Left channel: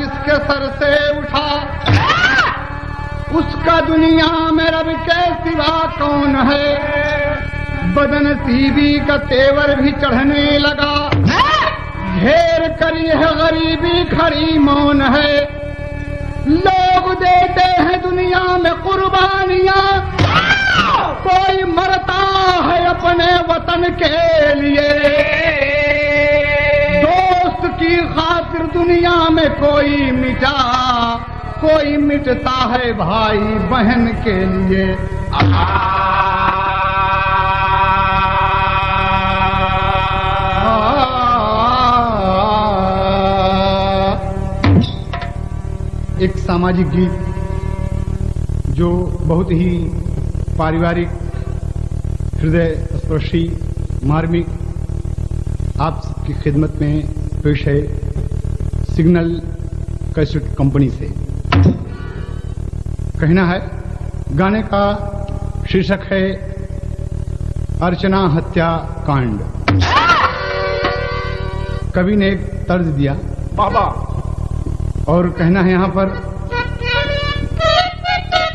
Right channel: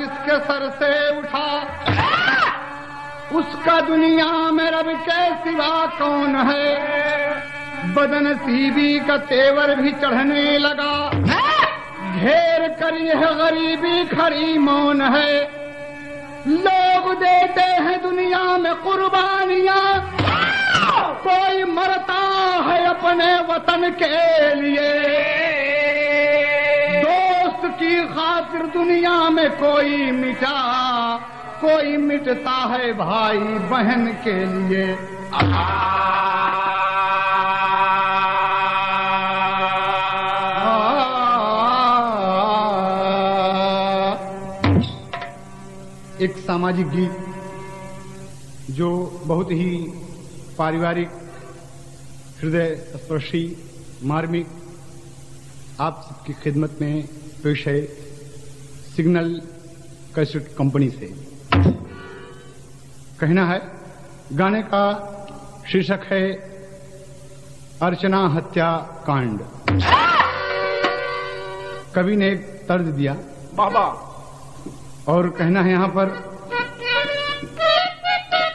जिसके सर से उठा, उसका दुनिया में रब के सिवा कौन है। बदन सीबी का तेवर भी चढ़ने लगा, घेर करी है गरीबी खरी मौन है। लोग देते हैं दुनिया में कुर्बानियां, कोई मरता है अपने वतन के लिए। दोस्त की खातिर दुनिया में कोई मिटा, कोई मिटता है भाई बहन के लिए। एक सामाजिक गीत जो बहुत ही पारिवारिक, हृदय स्पर्शी, मार्मिक, आप सबकी खिदमत में पेश है सिग्नल कैसेट कंपनी से। कहना है, गाने का शीर्षक है अर्चना हत्या कांड। कवि ने एक तर्ज दिया बाबा, और कहना है यहाँ पर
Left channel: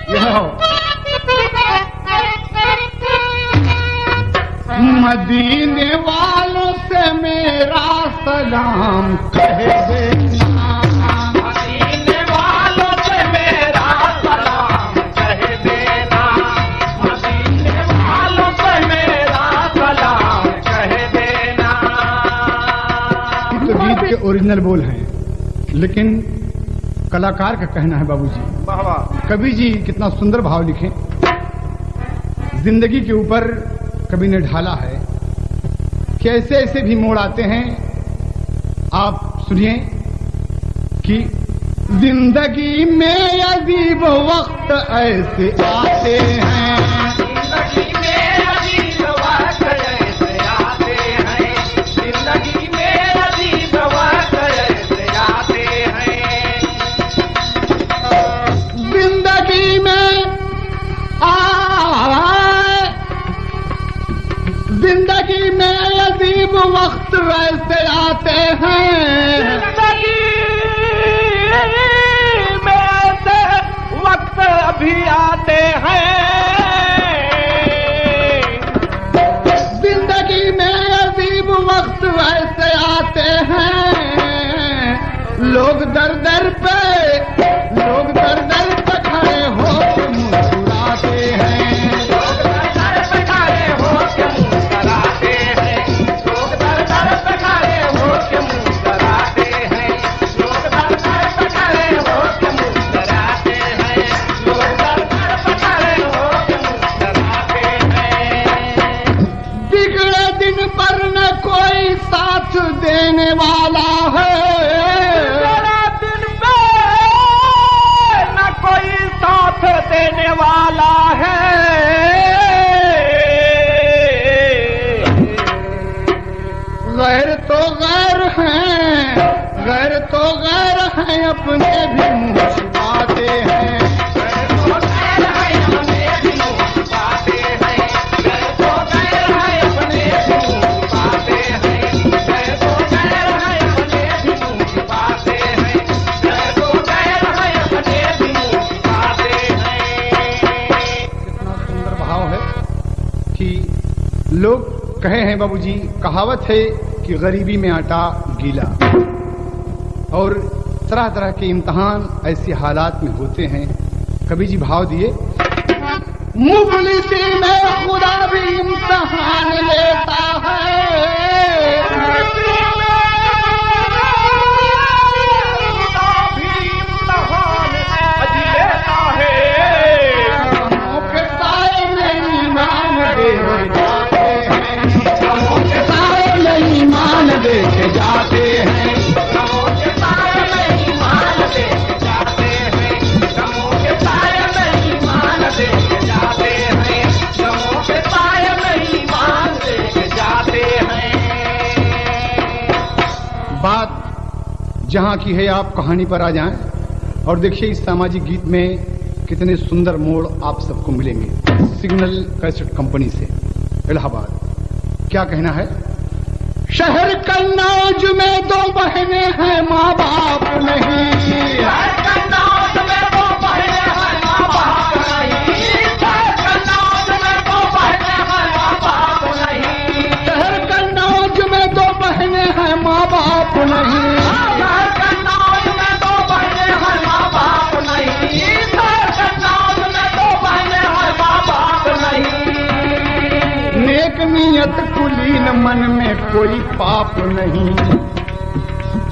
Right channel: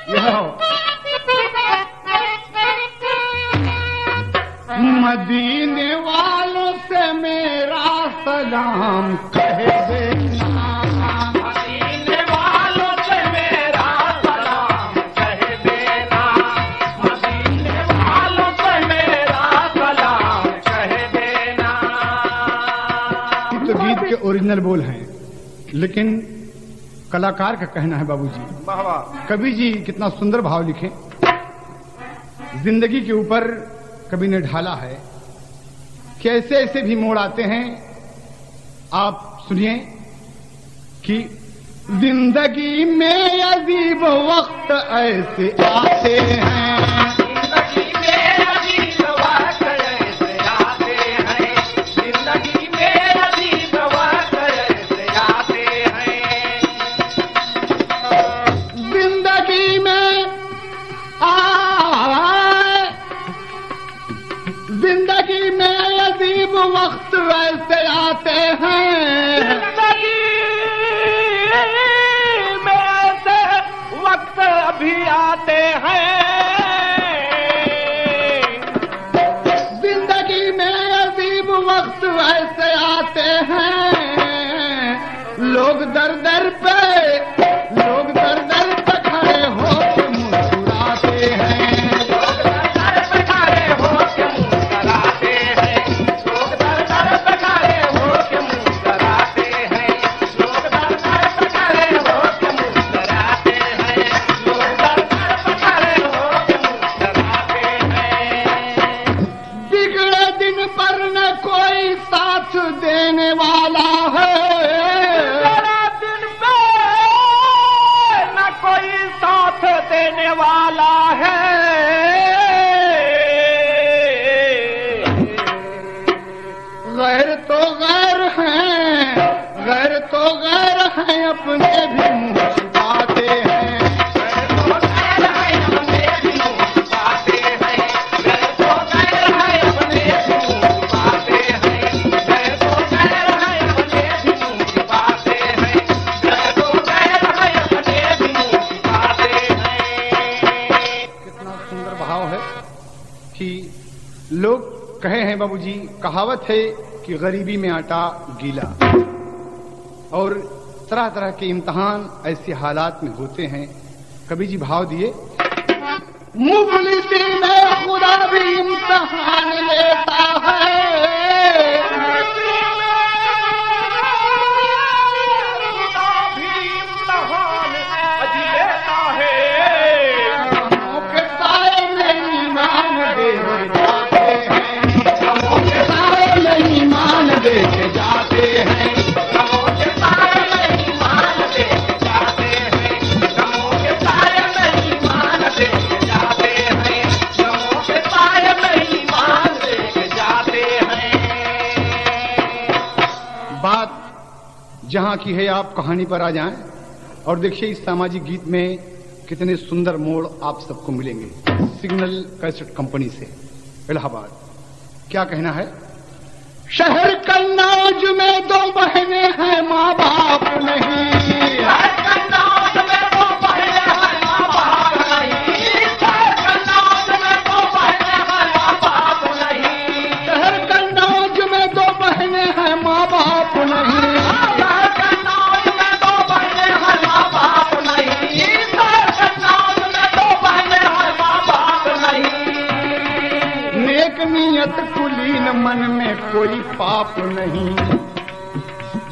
यह मदीने वालों से मेरा सलाम कह देना, मदीने वालों से मेरा सलाम कह देना, मदीने वालों से मेरा सलाम कह देना। तो गीत के ओरिजिनल बोल हैं, लेकिन कलाकार का कहना है बाबूजी, कवि जी कितना सुंदर भाव लिखे, जिंदगी के ऊपर कवि ने ढाला है कि ऐसे ऐसे भी मोड़ आते हैं। आप सुनिए कि जिंदगी में अजीब वक्त ऐसे आते हैं, जिंदगी में अजीब वक्त ऐसे आते हैं, जिंदगी में अजीब वक्त ऐसे आते हैं। जिंदगी में जिंदगी में अजीब वक्त वैसे आते हैं, जिंदगी में ऐसे वक्त भी आते हैं। जिंदगी में अजीब वक्त वैसे आते हैं। लोग दर दर पे खड़े हो मुस्कुराते हैं, देने वाला है, दिन पे न कोई साथ देने वाला है। गैर तो गैर हैं, गैर तो गैर हैं, अपने भी मुँह छुपाते हैं। लोग कहे हैं बाबूजी, कहावत है कि गरीबी में आटा गीला, और तरह तरह के इम्तिहान ऐसे हालात में होते हैं। कवि जी भाव दिए, मुफलिसी में खुदा भी इम्तिहान लेता है, देखे जाते हैं, के सारे नहीं मान देखे जाते हैं, के सारे नहीं मान देखे जाते हैं, के सारे नहीं मान देखे जाते हैं। बात जहाँ की है, आप कहानी पर आ जाएं और देखिए इस सामाजिक गीत में कितने सुंदर मोड़ आप सबको मिलेंगे। सिग्नल कैसेट कंपनी से इलाहाबाद। क्या कहना है, शहर कन्नौज में दो बहनें हैं, माँ बाप नहीं। शहर कन्नौज में दो बहनें हैं, माँ बाप नहीं। शहर कन्नौज में दो बहनें हैं, माँ बाप नहीं। शहर कन्नौज में दो बहनें हैं, माँ बाप नहीं। शहर कन्नौज में दो बहनें हैं, माँ बाप नहीं। शहर कन्नौज में दो बहनें हैं, माँ बाप नहीं। नेक नियत कुलीन मन में कोई पाप नहीं।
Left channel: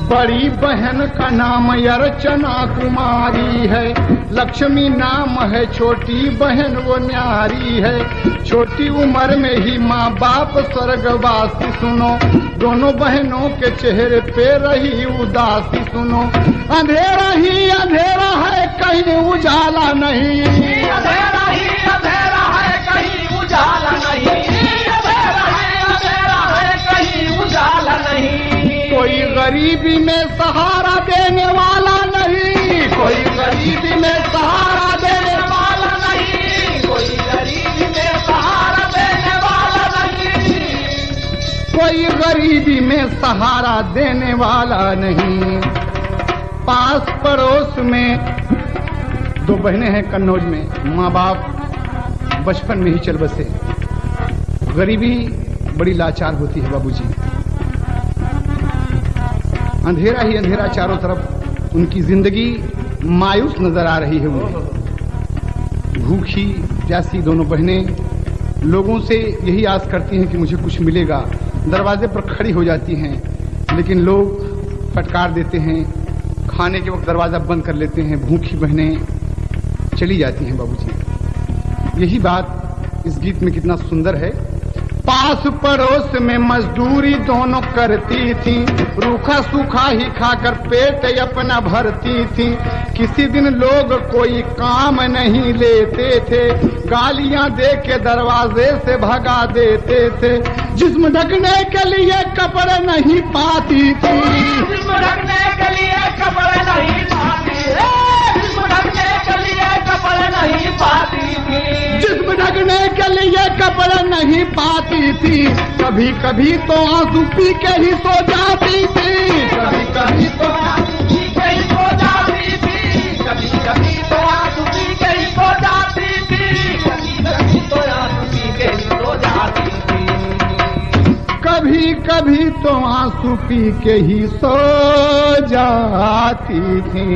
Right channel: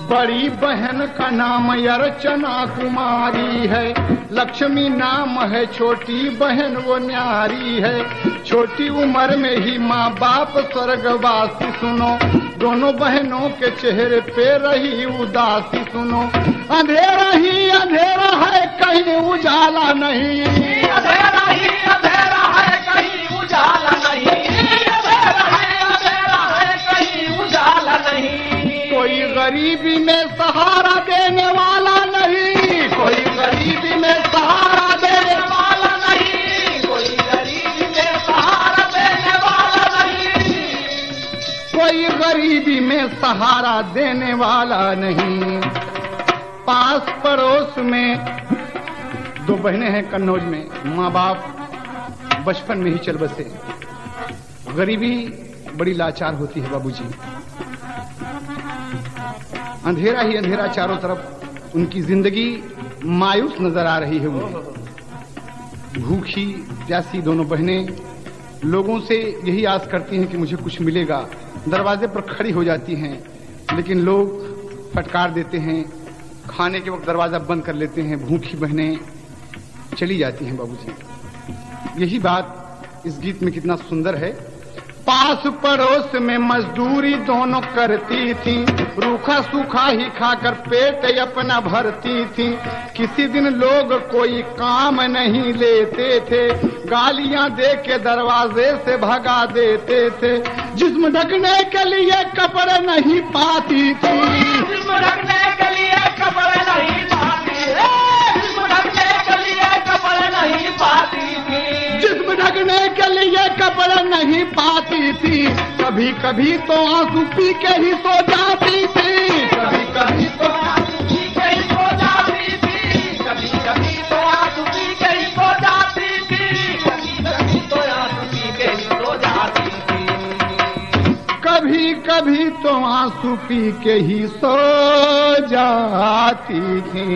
बड़ी बहन का नाम अर्चना कुमारी है, लक्ष्मी नाम है, छोटी बहन वो न्यारी है। छोटी उम्र में ही माँ बाप स्वर्गवासी सुनो, दोनों बहनों के चेहरे पे रही उदासी सुनो। अंधेरा ही अंधेरा है, कहीं उजाला नहीं। अंधेरा ही अंधेरा है, कहीं उजाला नहीं। कोई गरीबी में सहारा देने वाला नहीं। कोई गरीबी में सहारा देने वाला नहीं। कोई गरीबी में सहारा देने वाला नहीं। कोई गरीबी में सहारा देने वाला नहीं। पास पड़ोस में दो बहनें हैं कन्नौज में, माँ बाप बचपन में ही चल बसे। गरीबी बड़ी लाचार होती है बाबूजी। अंधेरा ही अंधेरा चारों तरफ, उनकी जिंदगी मायूस नजर आ रही है। उन्हें भूखी प्यासी दोनों बहनें लोगों से यही आस करती हैं कि मुझे कुछ मिलेगा। दरवाजे पर खड़ी हो जाती हैं, लेकिन लोग फटकार देते हैं। खाने के वक्त दरवाजा बंद कर लेते हैं। भूखी बहनें चली जाती हैं बाबूजी। यही बात इस गीत में कितना सुंदर है। पास पड़ोस में मजदूरी दोनों करती थी, रूखा सूखा ही खाकर पेट अपना भरती थी। किसी दिन लोग कोई काम नहीं लेते थे, गालियां दे के दरवाजे से भगा देते थे। जिस्म ढकने के लिए कपड़े नहीं पाती थी। जिस्म ढकने के लिए कपड़े नहीं पाती। जिस्म ढकने के लिए कपड़े नहीं पाती थी। जिस्म ढकने के लिए कपड़े नहीं पाती थी। कभी कभी तो आंसू पी के ही सो जाती थी। कभी कभी तो आंसू पी के ही सो जाती थी। कभी कभी तो आंसू पी के ही सो जाती थी। कभी कभी तो आंसू पी के ही सो जाती थी। कभी कभी तो आंसू पी के ही सो जाती थी।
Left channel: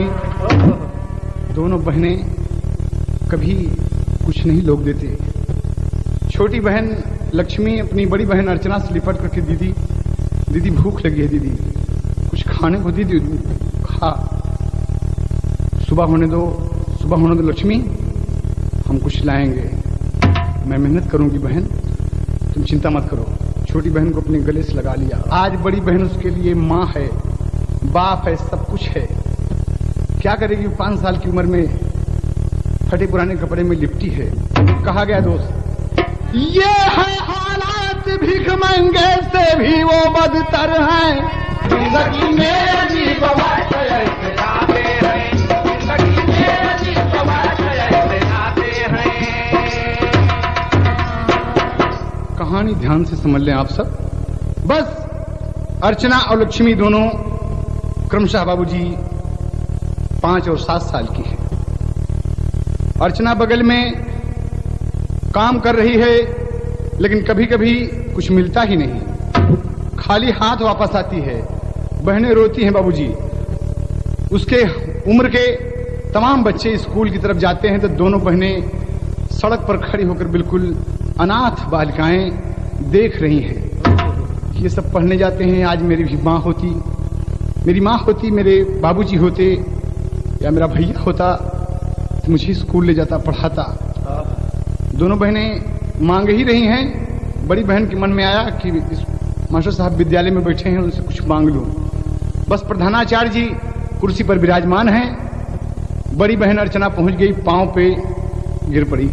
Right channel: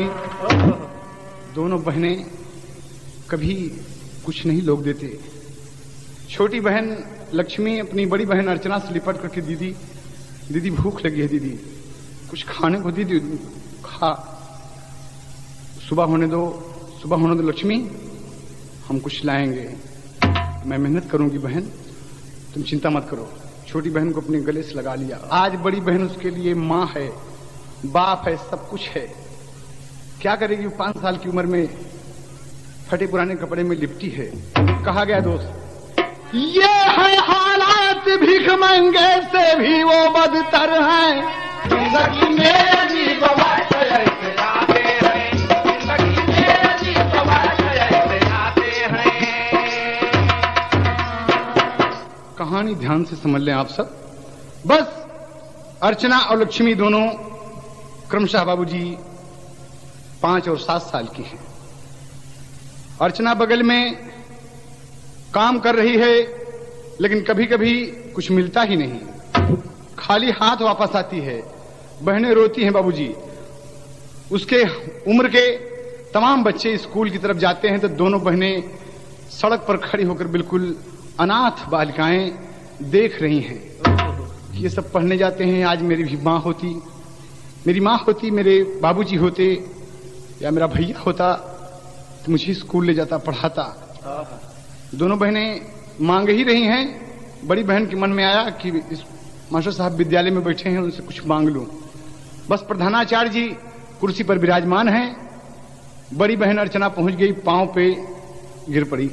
दोनों बहनें कभी कुछ नहीं लोग देते। छोटी बहन लक्ष्मी अपनी बड़ी बहन अर्चना से लिपट करके दीदी दीदी भूख लगी है, दीदी कुछ खाने को दीदी खा। सुबह होने दो लक्ष्मी, हम कुछ लाएंगे। मैं मेहनत करूंगी बहन, तुम चिंता मत करो। छोटी बहन को अपने गले से लगा लिया। आज बड़ी बहन उसके लिए माँ है, बाप है, सब कुछ है। क्या करेगी? 5 साल की उम्र में फटे पुराने कपड़े में लिपटी है। कहा गया दोस्त, ये है हालात भीख मंगे से भी वो बदतर है। जिंदगी में अजीब वक्त ऐसे आते हैं। जिंदगी में अजीब वक्त ऐसे आते हैं। कहानी ध्यान से समझ लें आप सब। बस अर्चना और लक्ष्मी दोनों क्रमशः बाबूजी 5 और 7 साल की है। अर्चना बगल में काम कर रही है, लेकिन कभी कभी कुछ मिलता ही नहीं, खाली हाथ वापस आती है। बहनें रोती हैं बाबूजी। उसके उम्र के तमाम बच्चे स्कूल की तरफ जाते हैं तो दोनों बहनें सड़क पर खड़ी होकर बिल्कुल अनाथ बालिकाएं देख रही हैं। ये सब पढ़ने जाते हैं। आज मेरी भी माँ होती, मेरी माँ होती, मेरे बाबूजी होते या मेरा भैया होता तो मुझे स्कूल ले जाता, पढ़ाता। दोनों बहनें मांग ही रही हैं। बड़ी बहन के मन में आया कि इस मास्टर साहब विद्यालय में बैठे हैं, उनसे कुछ मांग लूं। बस प्रधानाचार्य जी कुर्सी पर विराजमान हैं। बड़ी बहन अर्चना पहुंच गई, पांव पे गिर पड़ी।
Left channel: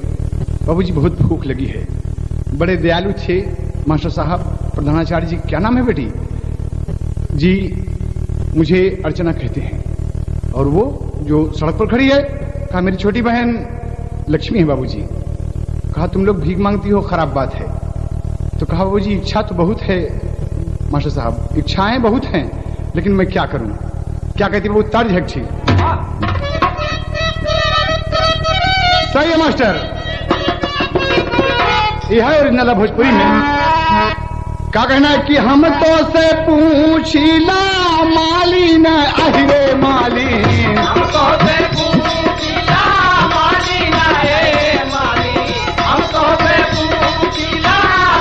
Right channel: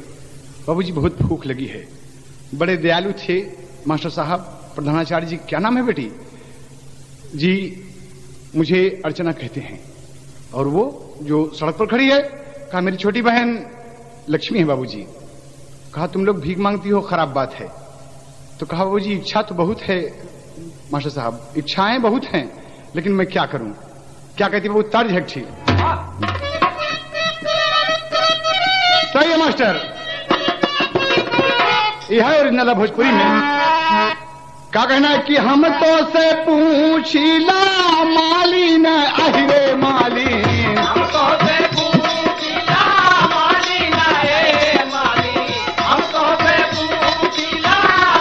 बाबूजी बहुत भूख लगी है। बड़े दयालु थे मास्टर साहब। प्रधानाचार्य जी, क्या नाम है बेटी? जी मुझे अर्चना कहते हैं। और वो जो सड़क पर खड़ी है? कहा मेरी छोटी बहन लक्ष्मी है बाबूजी। कहा तुम लोग भीख मांगती हो, खराब बात है। तो कहा बाबूजी इच्छा तो बहुत है, मास्टर साहब इच्छाएं बहुत हैं, लेकिन मैं क्या करूं? क्या कहती है वो तर्ज है अच्छी। सही है मास्टर, यह है ओरिजिनल भोजपुरी में। क्या कहना है कि हम तो से पूछिला माली न अहिरे माली, हम तो से पूछिला माली न अहिरे माली, हम तो से पूछिला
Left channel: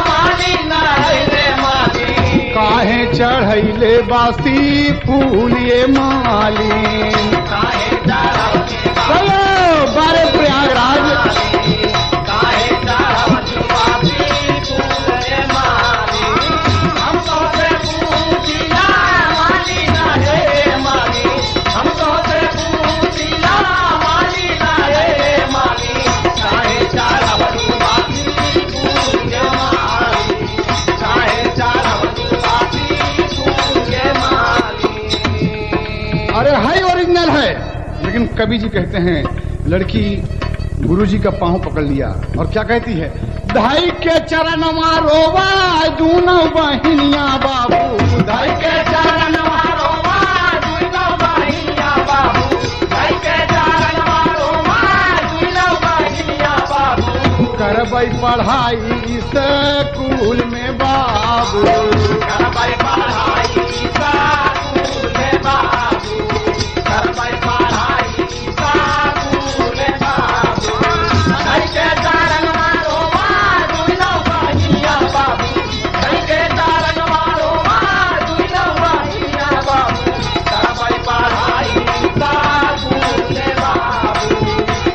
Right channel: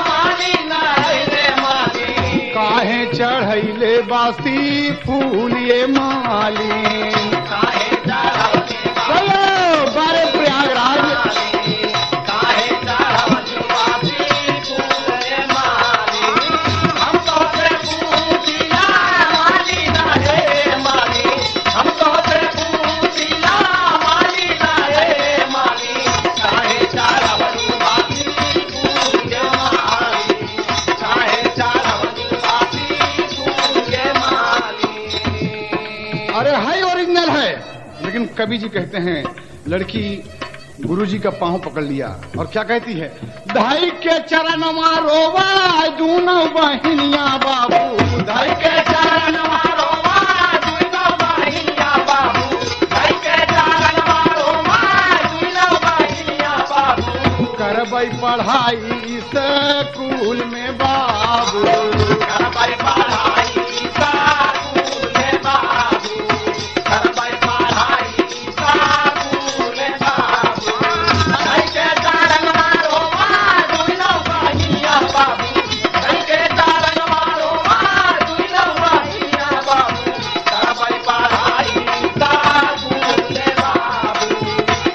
माली न अहिरे माली, काहे चढ़ैले बासी फूल ये माली, काहे चढ़ैले चलो बारे प्रयागराज, काहे चढ़ैले बासी फूल ये माली, हम तो से पूछिला माली न अहिरे माली, हम तो से पूछिला माली न अहिरे माली, काहे चढ़ैले बासी फूल ये माली, काहे चढ़ैले बासी फूल ये माली। अरे है ओरिजिनल है, लेकिन कवि जी कहते हैं लड़की गुरुजी का पांव पकड़ लिया और क्या कहती है, धाई के चरण रोवा दूनो बहिनिया बाबू, धाई के चरण रोवा दूनो बहिनिया बाबू, धाई के चरण रोवा दूनो बहिनिया बाबू, करबै पढ़ाई स्कूल में बाबू, करबै पढ़ाई स्कूल में बाबू, करबै पढ़ाई स्कूल में बाबू, धाई के चरण रोवा दूनो बहिनिया बाबू, धाई के चरण रोवा दूनो बहिनिया बाबू, करबै पढ़ाई स्कूल में बाबू,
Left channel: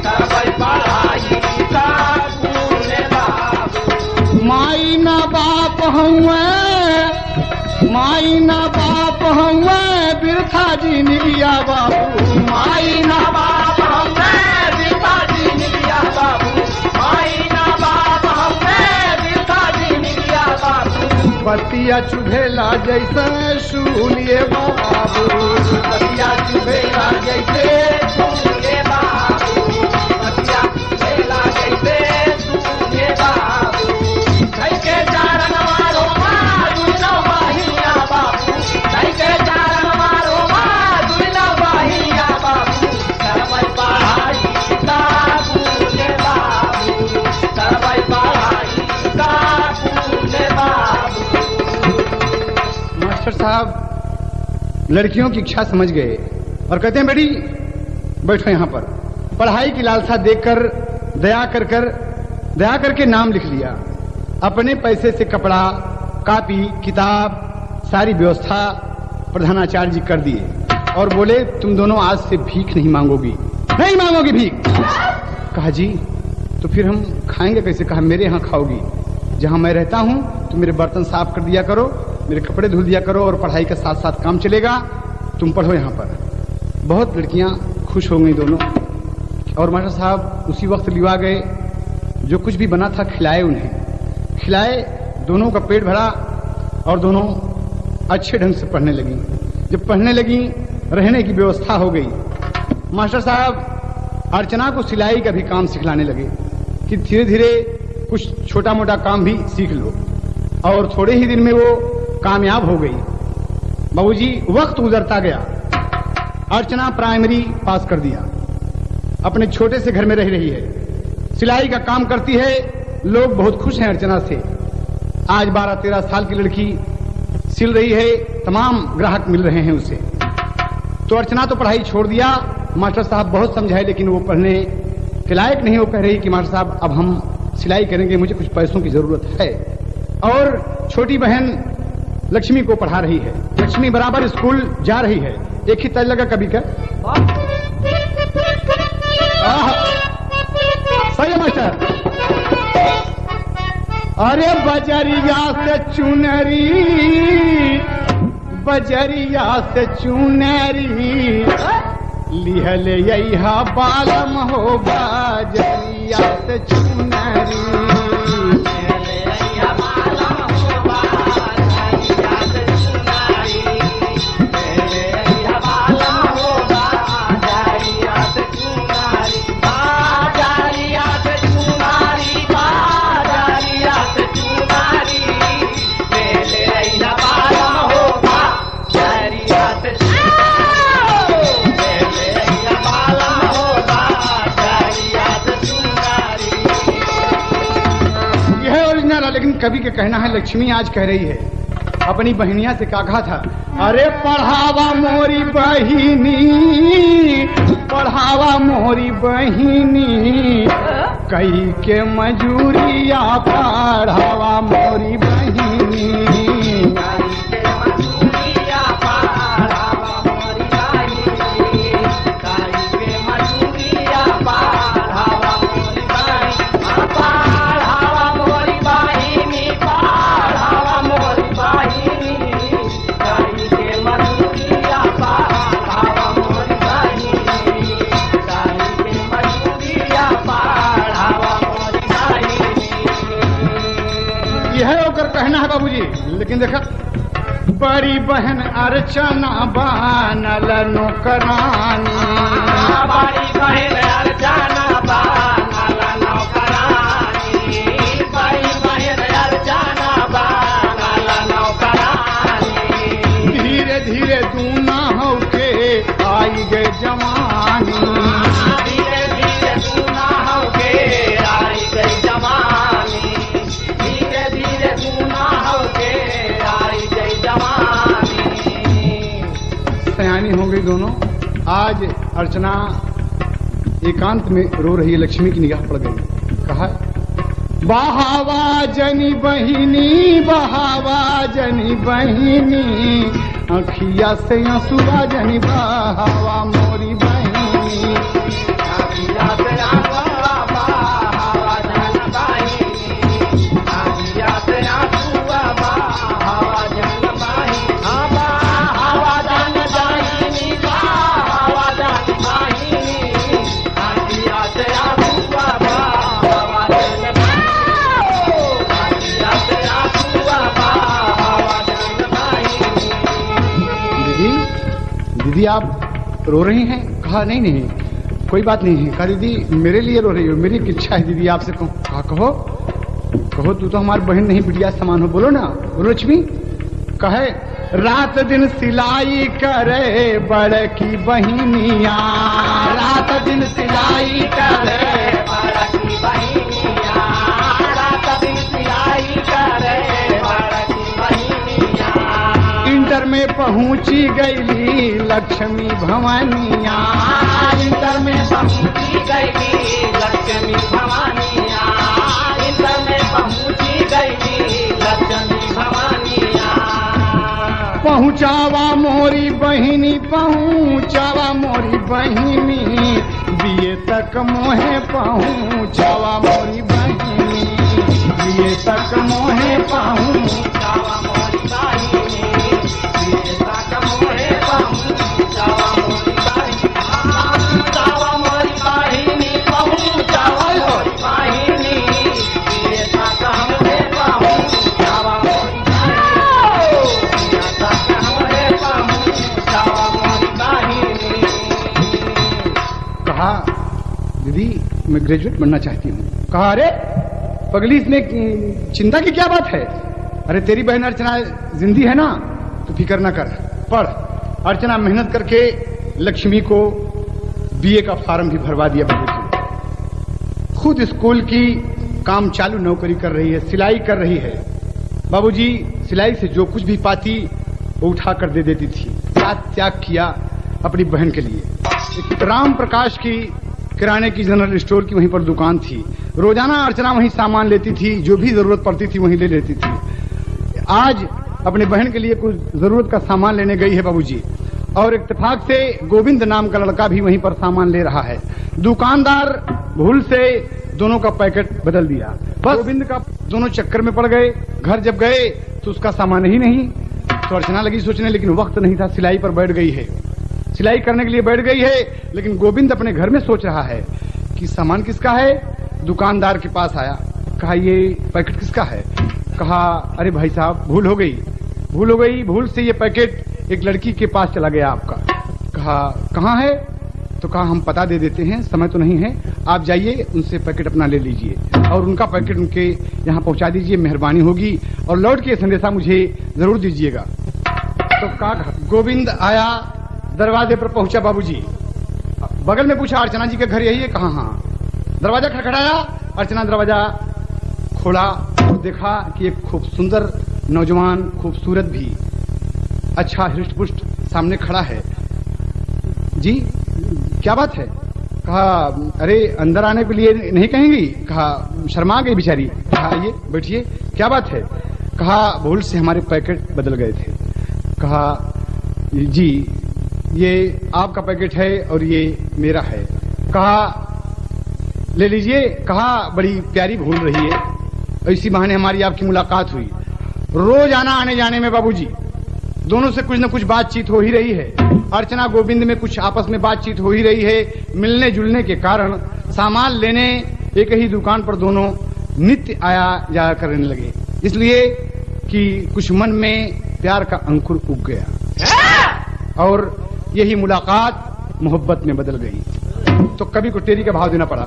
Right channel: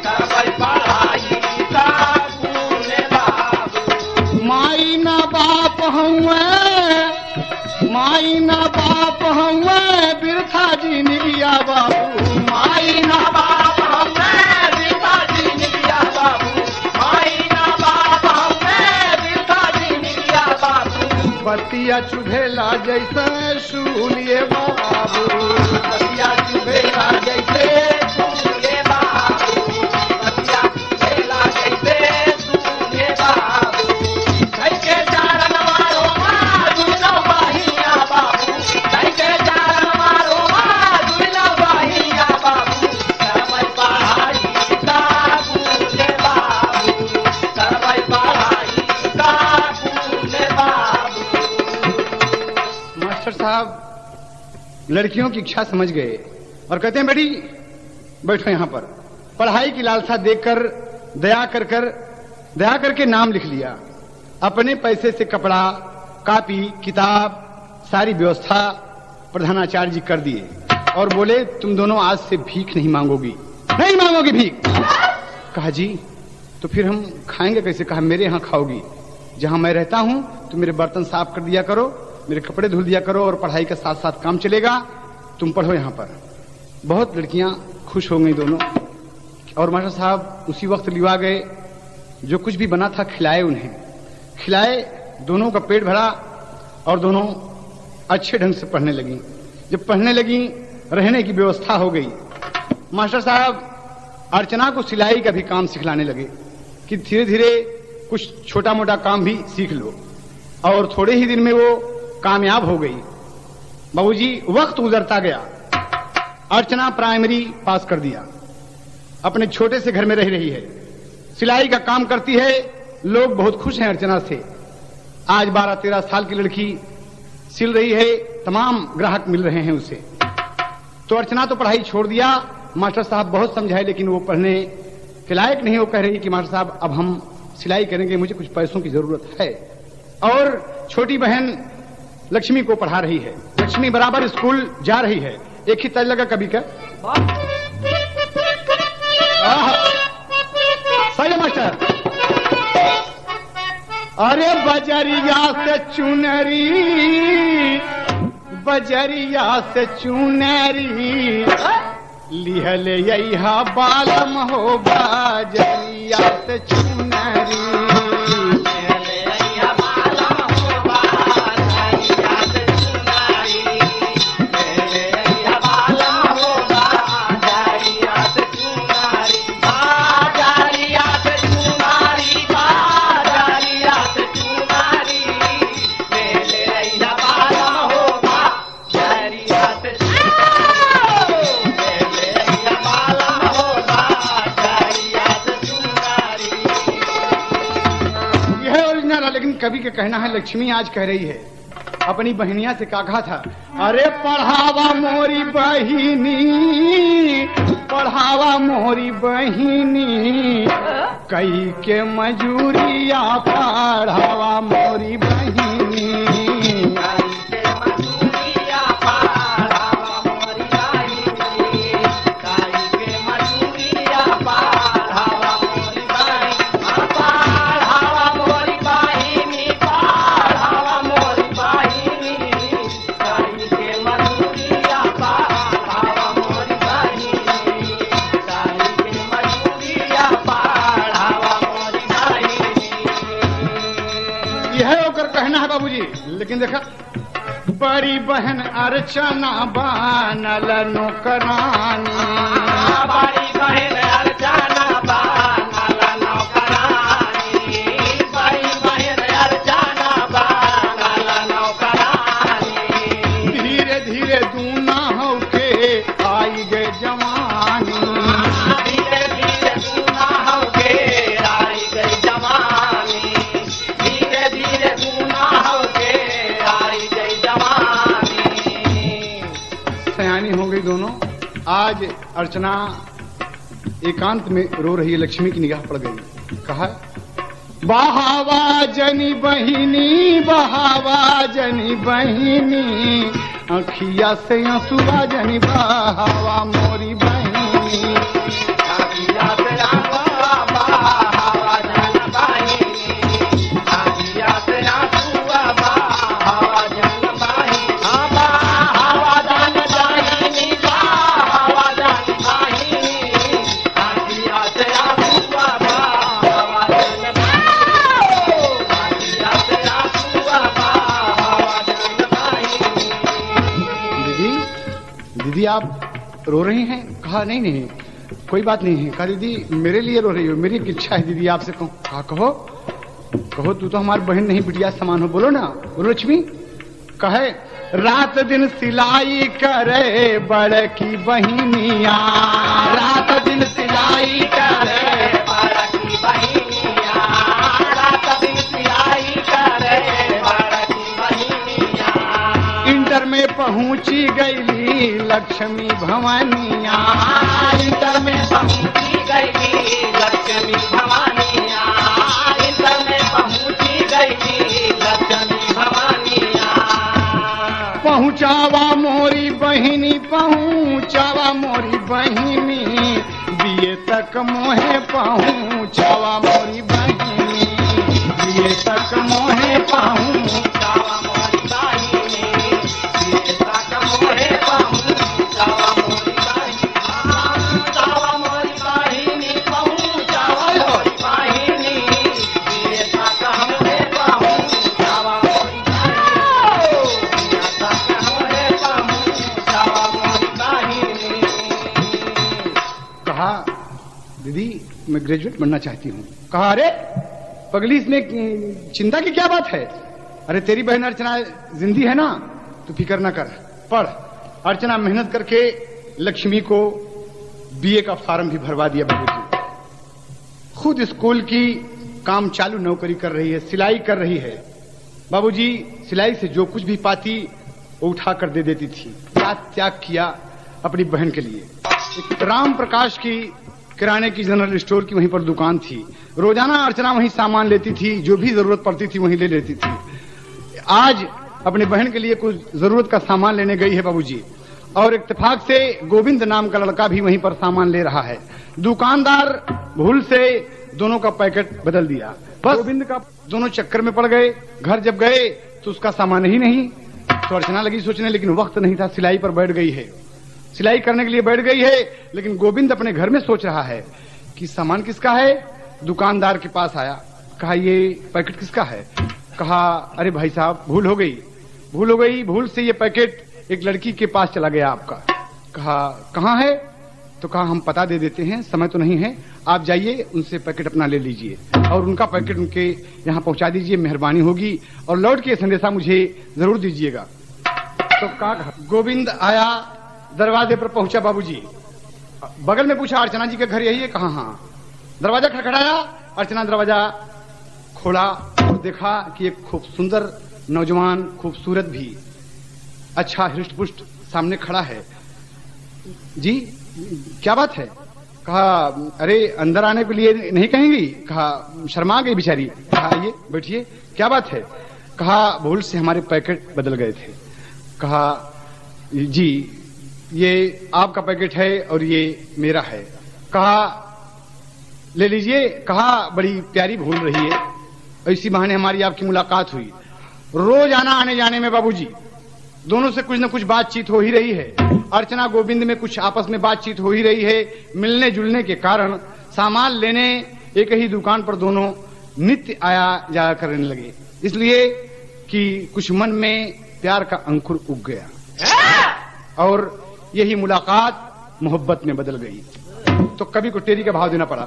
करबै पढ़ाई स्कूल में बाबू। माई ना बाप हुए, माई ना बाप हुए बिरथा जी निबिया बाबू, माई ना बाप हुए बिरथा जी निबिया बाबू, माई ना बाप हुए बिरथा जी निबिया बाबू, बतिया चुभेला जैसे सूलिए बाबू, बतिया चुभेला जैसे सूलिए बाबू, बतिया चुभेला जैसे सूलिए बाबू, धाई के चरण रोवा दूनो बहिनिया बाबू, धाई के चरण रोवा दूनो बहिनिया बाबू, करबै पढ़ाई स्कूल में बाबू, करबै पढ़ाई स्कूल में बाबू। मास्टर साहब लड़कियों की इच्छा समझ गए और कहते हैं बेटी बैठो यहाँ पर। पढ़ाई की लालसा देखकर दया करके नाम लिख लिया। अपने पैसे से कपड़ा, कापी, किताब सारी व्यवस्था प्रधानाचार्य जी कर दिए और बोले तुम दोनों आज से भीख नहीं मांगोगी, नहीं मांगोगी भीख। कहा जी तो फिर हम खाएंगे कैसे? कहा मेरे यहाँ खाओगी, जहाँ मैं रहता हूँ तुम मेरे बर्तन साफ कर दिया करो, मेरे कपड़े धुल दिया करो और पढ़ाई के साथ साथ काम चलेगा, तुम पढ़ो यहाँ पर। बहुत लड़कियां खुश हो गई दोनों। और मास्टर साहब उसी वक्त लिवा गए, जो कुछ भी बना था खिलाए उन्हें, खिलाए, दोनों का पेट भरा और दोनों अच्छे ढंग से पढ़ने लगी। जब पढ़ने लगी रहने की व्यवस्था हो गई। मास्टर साहब अर्चना को सिलाई का भी काम सिखलाने लगे कि धीरे धीरे कुछ छोटा मोटा काम भी सीख लो, और थोड़े ही दिन में वो कामयाब हो गई। बाबूजी वक्त गुजरता गया, अर्चना प्राइमरी पास कर दिया, अपने छोटे से घर में रह रही है, सिलाई का काम करती है, लोग बहुत खुश हैं अर्चना से। आज 12-13 साल की लड़की सिल रही है, तमाम ग्राहक मिल रहे हैं उसे। तो अर्चना तो पढ़ाई छोड़ दिया, मास्टर साहब बहुत समझाए लेकिन वो पढ़ने के लायक नहीं। वो कह रही कि मास्टर साहब अब हम सिलाई करेंगे, मुझे कुछ पैसों की जरूरत है। और छोटी बहन लक्ष्मी को पढ़ा रही है, लक्ष्मी बराबर स्कूल जा रही है। एक ही तय लगा कभी का सही है मास्टर। अरे बजरिया से चुनरी, बजरिया से चुनरी लिहल यहा बालम हो, बजरिया से चुनरी Bye. दूंगा, लेकिन कवि का कहना है, लक्ष्मी आज कह रही है अपनी बहनिया से का कहा था, अरे पढ़ावा मोरी बहिनी, पढ़ावा मोरी बहिनी, कई के मजूरिया पढ़ावा मोरी बहिनी। कहना है बाबूजी, लेकिन देखा बड़ी बहन अर्चना बनल नौकरानी, बड़ी बहन अर्चना बनल नौकरानी, बड़ी बहन अर्चना बनल नौकरानी। धीरे धीरे दूना होके आई गए जवानी, धीरे धीरे दूना होके आई गई जवानी, धीरे धीरे सयानी हो गई दोनों। आज अर्चना एकांत में रो रही है, लक्ष्मी की निगाह पड़ गई। कहा बहावा जनी बहिनी, बहावा जनी बहिनी, अखिया से आंसुआ जनी बहावा मोरी बहिनी, अखिया से आंसुआ बहावा जनी बहिनी, अखिया से आंसुआ बहावा जनी बहिनी, बहावा जनी बहिनी, बहावा जनी बहिनी, अखिया से आंसुआ बहावा जनी बहिनी, अखिया से आंसुआ बहावा जनी बहिनी। दीदी, दीदी आप रो रही हैं? कहा नहीं नहीं कोई बात नहीं है। कहा दीदी मेरे लिए रो रही हो? मेरी इच्छा है दीदी आपसे कहूँ। कहा कहो कहो, तू तो हमारी बहन नहीं बिटिया समान हो, बोलो ना, बोलो लक्ष्मी। कहे रात दिन सिलाई करे बड़की बहिनिया, रात दिन सिलाई करे बड़की बहिनिया, रात दिन सिलाई करे बड़की बहिनिया। इंटर में पहुंची गई लक्ष्मी भवानिया, इंटर में पहुंची गई लक्ष्मी भवानिया, इंटर में पहुंची गई लक्ष्मी भवानिया। पहुंचावा मोरी बहिनी, पहुंचावा मोरी बहिनी, बीए तक मोहे पहुंचावा मोरी बहिनी, बीए तक मोहे पहुंचावा मोरी बहिनी, बीए तक मोहे पहुंचावा मोरी बहिनी, पहुंचावा मोरी बहिनी, पहुंचावा मोरी बहिनी, बीए तक मोहे पहुंचावा मोरी बहिनी। कहा दीदी मैं ग्रेजुएट बनना चाहती हूँ। कहा अरे पगली इसमें चिंता की क्या बात है? अरे तेरी बहन अर्चना जिंदी है ना, तो फिक्र ना कर, पढ़। अर्चना मेहनत करके लक्ष्मी को बीए का फॉर्म भी भरवा दिया बाबूजी। खुद स्कूल की काम चालू नौकरी कर रही है, सिलाई कर रही है। बाबूजी सिलाई से जो कुछ भी पाती वो उठा कर दे देती थी। क्या त्याग किया अपनी बहन के लिए। राम प्रकाश की किराने की जनरल स्टोर की वहीं पर दुकान थी। रोजाना अर्चना वहीं सामान लेती थी, जो भी जरूरत पड़ती थी वहीं ले लेती थी। आज अपने बहन के लिए कुछ जरूरत का सामान लेने गई है बाबूजी, और इत्तेफाक से गोविंद नाम का लड़का भी वहीं पर सामान ले रहा है। दुकानदार भूल से दोनों का पैकेट बदल दिया, बस गोविंद का दोनों चक्कर में पड़ गए। घर जब गए तो उसका सामान ही नहीं, तो अर्चना लगी सोचने, लेकिन वक्त नहीं था, सिलाई पर बैठ गई है, सिलाई करने के लिए बैठ गई है। लेकिन गोविंद अपने घर में सोच रहा है कि सामान किसका है। दुकानदार के पास आया, कहा ये पैकेट किसका है? कहा अरे भाई साहब भूल हो गई, भूल हो गई, भूल से ये पैकेट एक लड़की के पास चला गया आपका। कहा कहाँ है? तो कहा हम पता दे देते हैं, समय तो नहीं है, आप जाइए उनसे पैकेट अपना ले लीजिए और उनका पैकेट उनके यहाँ पहुँचा दीजिए, मेहरबानी होगी, और लौट के संदेशा मुझे जरूर दीजिएगा। तो कहा गोविंद आया, दरवाजे पर पहुंचा बाबूजी, बगल में पूछा अर्चना जी के घर यही है? कहा हाँ। दरवाजा खड़खड़ाया, अर्चना दरवाजा खोला, देखा कि एक खूब सुंदर नौजवान, खूबसूरत भी, अच्छा हृष्ट-पुष्ट सामने खड़ा है। जी क्या बात है? कहा अरे अंदर आने के लिए नहीं कहेंगी? कहा शर्मा गई बेचारी। कहा आइए बैठिए, क्या बात है? कहा भूल से हमारे पैकेट बदल गए थे। कहा जी ये आपका पैकेट है और ये मेरा है। कहा ले लीजिए। कहा बड़ी प्यारी भूल रही है, इसी बहाने हमारी आपकी मुलाकात हुई। रोज आना आने जाने में बाबूजी दोनों से कुछ न कुछ बातचीत हो ही रही है। अर्चना गोविंद में कुछ आपस में बातचीत हो ही रही है। मिलने जुलने के कारण सामान लेने एक ही दुकान पर दोनों नित्य आया जाया करने लगे, इसलिए कि कुछ मन में प्यार का अंकुर उग गया और यही मुलाकात मोहब्बत में बदल गई। तो कवि को टेरी का भाव देना पड़ा।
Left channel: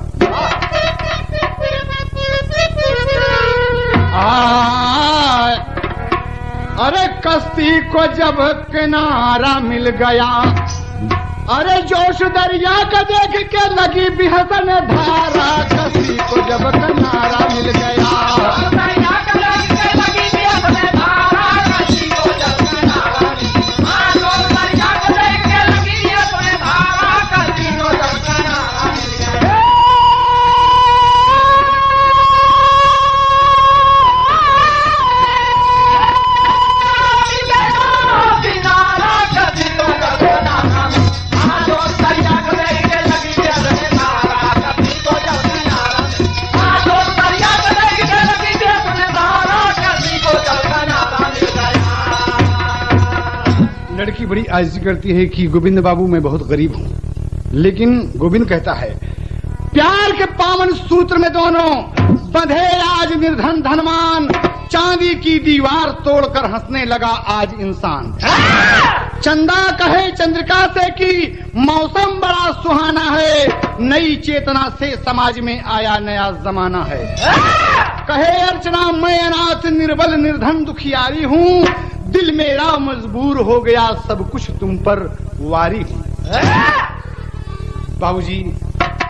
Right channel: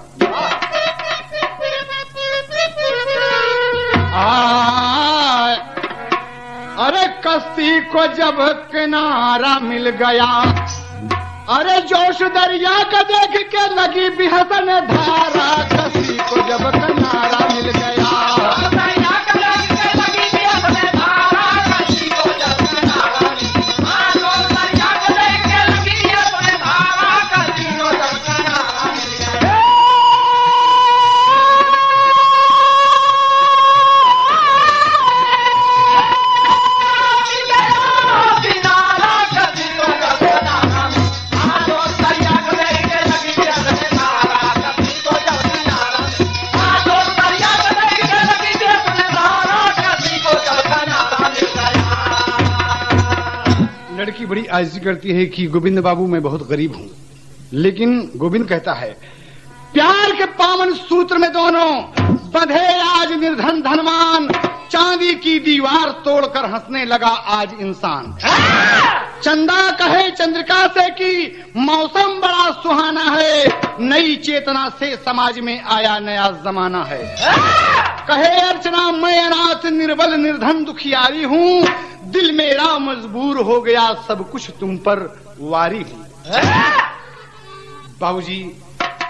अरे कश्ती को जब किनारा मिल गया, अरे जोश दरिया का देख के लगी बिहसन धारा। कश्ती को जब किनारा मिल गया, लड़की बड़ी आजिज़ी करती है कि गोविंद बाबू मैं बहुत गरीब हूँ, लेकिन गोविंद कहता है प्यार के पावन सूत्र में दोनों बंधे आज निर्धन धनवान। चांदी की दीवार तोड़कर हंसने लगा आज इंसान। चंदा कहे चंद्रिका से कि मौसम बड़ा सुहाना है, नई चेतना से समाज में आया नया जमाना है। कहे अर्चना मैं अनाथ निर्बल निर्धन दुखियारी हूँ, दिल मेरा मजबूर हो गया सब कुछ तुम पर वारी हूँ। बाबूजी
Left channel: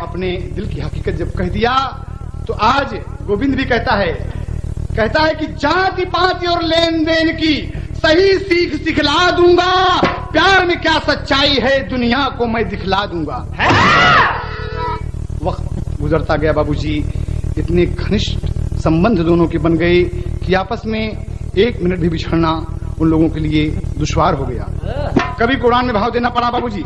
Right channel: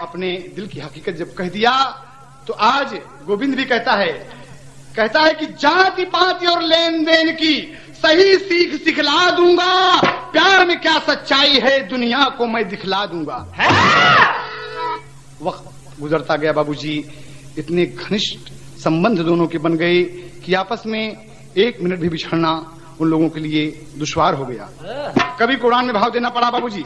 अपने दिल की हकीकत जब कह दिया तो आज गोविंद भी कहता है कि जाति पाति और लेन देन की सही सीख सिखला दूंगा। प्यार में क्या सच्चाई है दुनिया को मैं दिखला दूंगा। वक्त गुजरता गया बाबूजी, इतने घनिष्ठ संबंध दोनों के बन गए कि आपस में एक मिनट भी बिछड़ना उन लोगों के लिए दुश्वार हो गया। कभी कुरान में भाव देना पड़ा बाबूजी।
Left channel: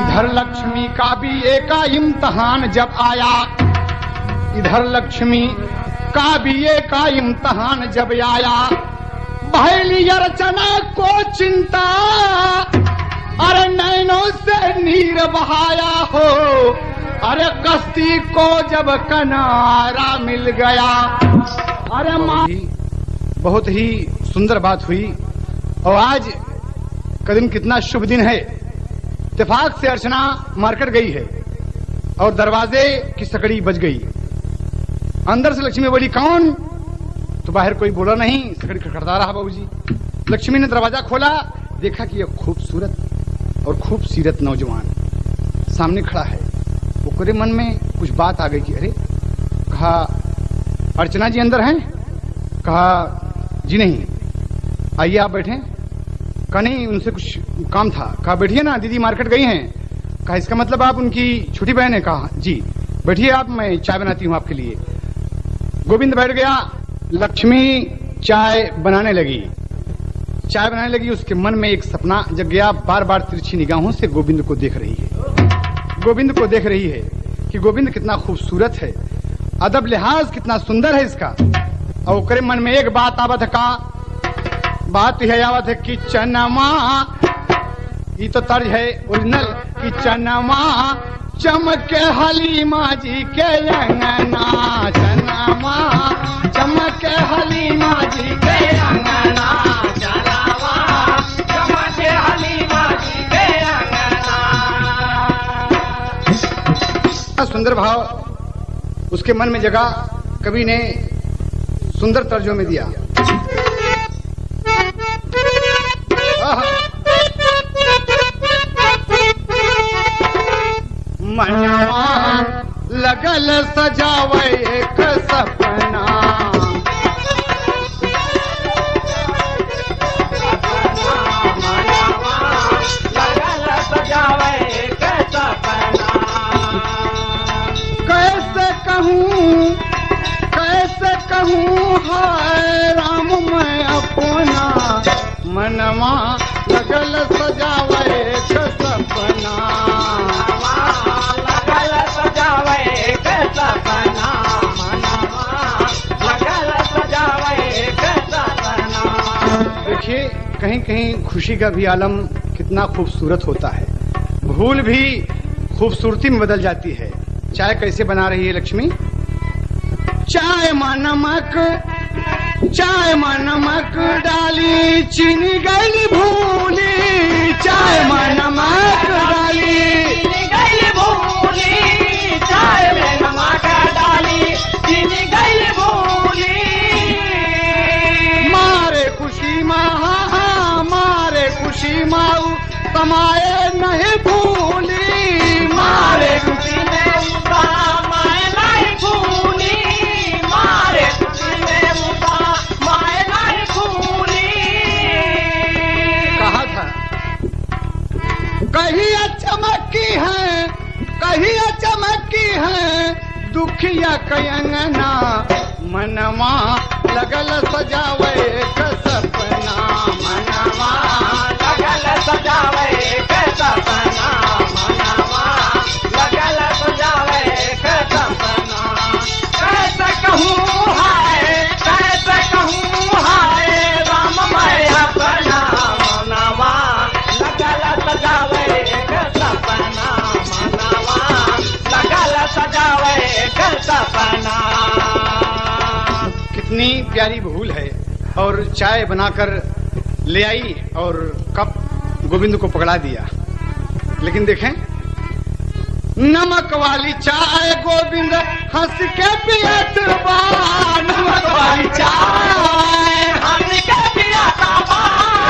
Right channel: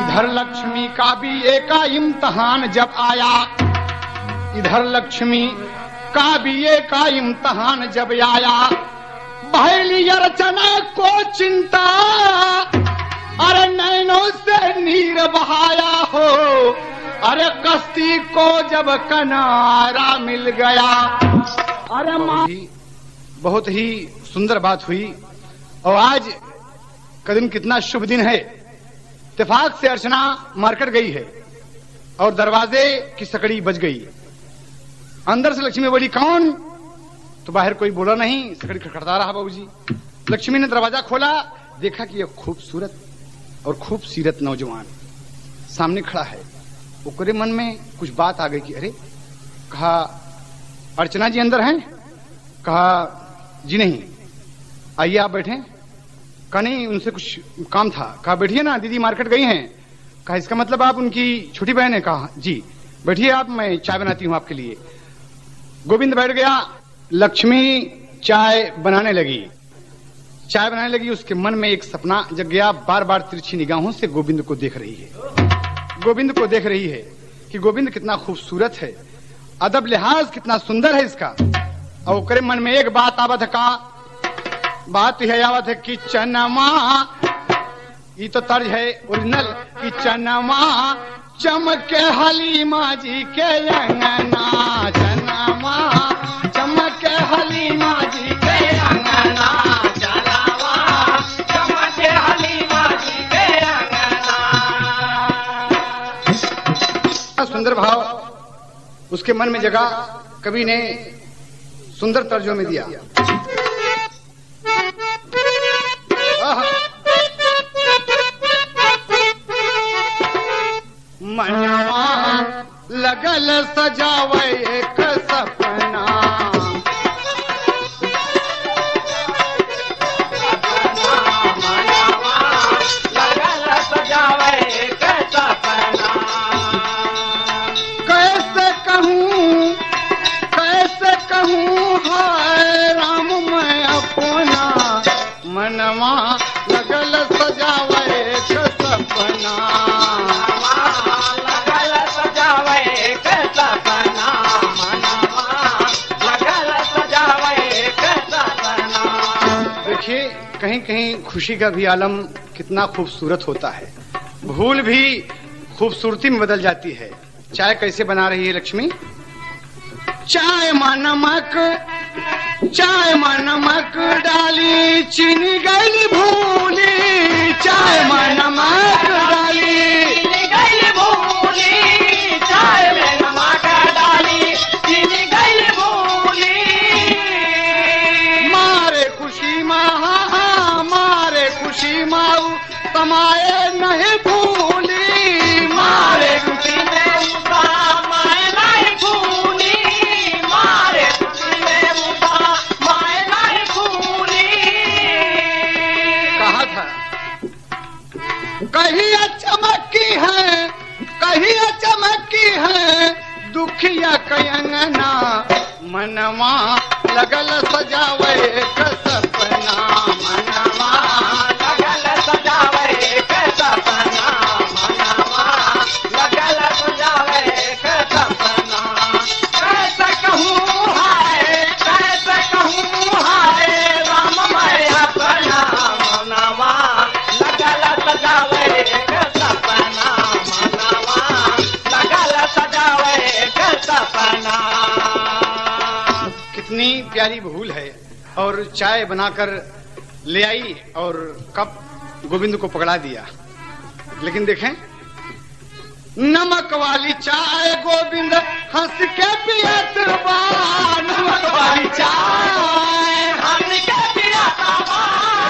इधर लक्ष्मी का भी एक इम्तहान जब आया, इधर लक्ष्मी का भी एक इम्तहान जब आया, पहली अर्चना को चिंता अरे नैनों से नीर बहाया हो। अरे कश्ती को जब किनारा मिल गया, अरे बहुत ही सुंदर बात हुई। और आज का दिन कितना शुभ दिन है। इत्तेफाक से अर्चना मार्केट गई है और दरवाजे की सकड़ी बज गई। अंदर से लक्ष्मी बोली कौन? तो बाहर कोई बोला नहीं, सकड़ी खड़खड़ा रहा बाबूजी। लक्ष्मी ने दरवाजा खोला, देखा कि यह खूबसूरत और खूबसीरत नौजवान सामने खड़ा है। वो पूरे मन में कुछ बात आ गई कि अरे, कहा अर्चना जी अंदर हैं? कहा जी नहीं। आइए आप बैठे। कहा नहीं उनसे कुछ काम था। कहा बैठिए ना, दीदी मार्केट गई हैं। कहा इसका मतलब आप उनकी छोटी बहन है? कहा जी। बैठिए आप, मैं चाय बनाती हूँ आपके लिए। गोविंद बैठ गया, लक्ष्मी चाय बनाने लगी। उसके मन में एक सपना जग गया। बार बार तिरछी निगाहों से गोविंद को देख रही है कि गोविंद कितना खूबसूरत है, अदब लिहाज कितना सुंदर है इसका। और ओकरे मन में एक बात आवत का, बात यह आवत है कि चनमा, ये तो तर्ज है ओरिजिनल, कि चनमा चमके हलीमा जी के अंगना, चनमा चमके हलीमा जी के अंगना, चनमा चमके हलीमा जी के अंगना। सुंदर भाव उसके मन में जगा, कवि ने सुंदर तर्जों में दिया। मनवा लगल सजावे एक मनवा लगल सजावे के सपना, लगल सजावे के सपना, मनवा लगल सजावे के सपना। देखिए कहीं कहीं खुशी का भी आलम कितना खूबसूरत होता है, भूल भी खूबसूरती में बदल जाती है। चाय कैसे बना रही है लक्ष्मी? चाय में नमक डाली चीनी गई भूली, चाय में नमक डाली चीनी गई भूली, चाय में नमक डाली चीनी गई भूली। मारे खुशी माऊ कमाए नहीं भूली, मारे खुशी में कमाए नहीं भूली, मारे खुशी में कमाए नहीं भूली। कहा था कहिया चमकी है दुखिया कयंगना, मनवा लगल सजावे के सपना, मनवा लगल सजावे के सपना, मनवा लगल सजावे के सपना। कैसे कहूँ हाय राम मैं अपना, मनवा लगल सजावे के सपना, मनवा लगल सजावे के सपना। कितनी प्यारी भूल है। और चाय बनाकर ले आई और कप गोविंद को पकड़ा दिया। लेकिन देखें, नमक वाली चाय गोविंद हंस के पियत बा, नमक वाली चाय हंस के पियत बा,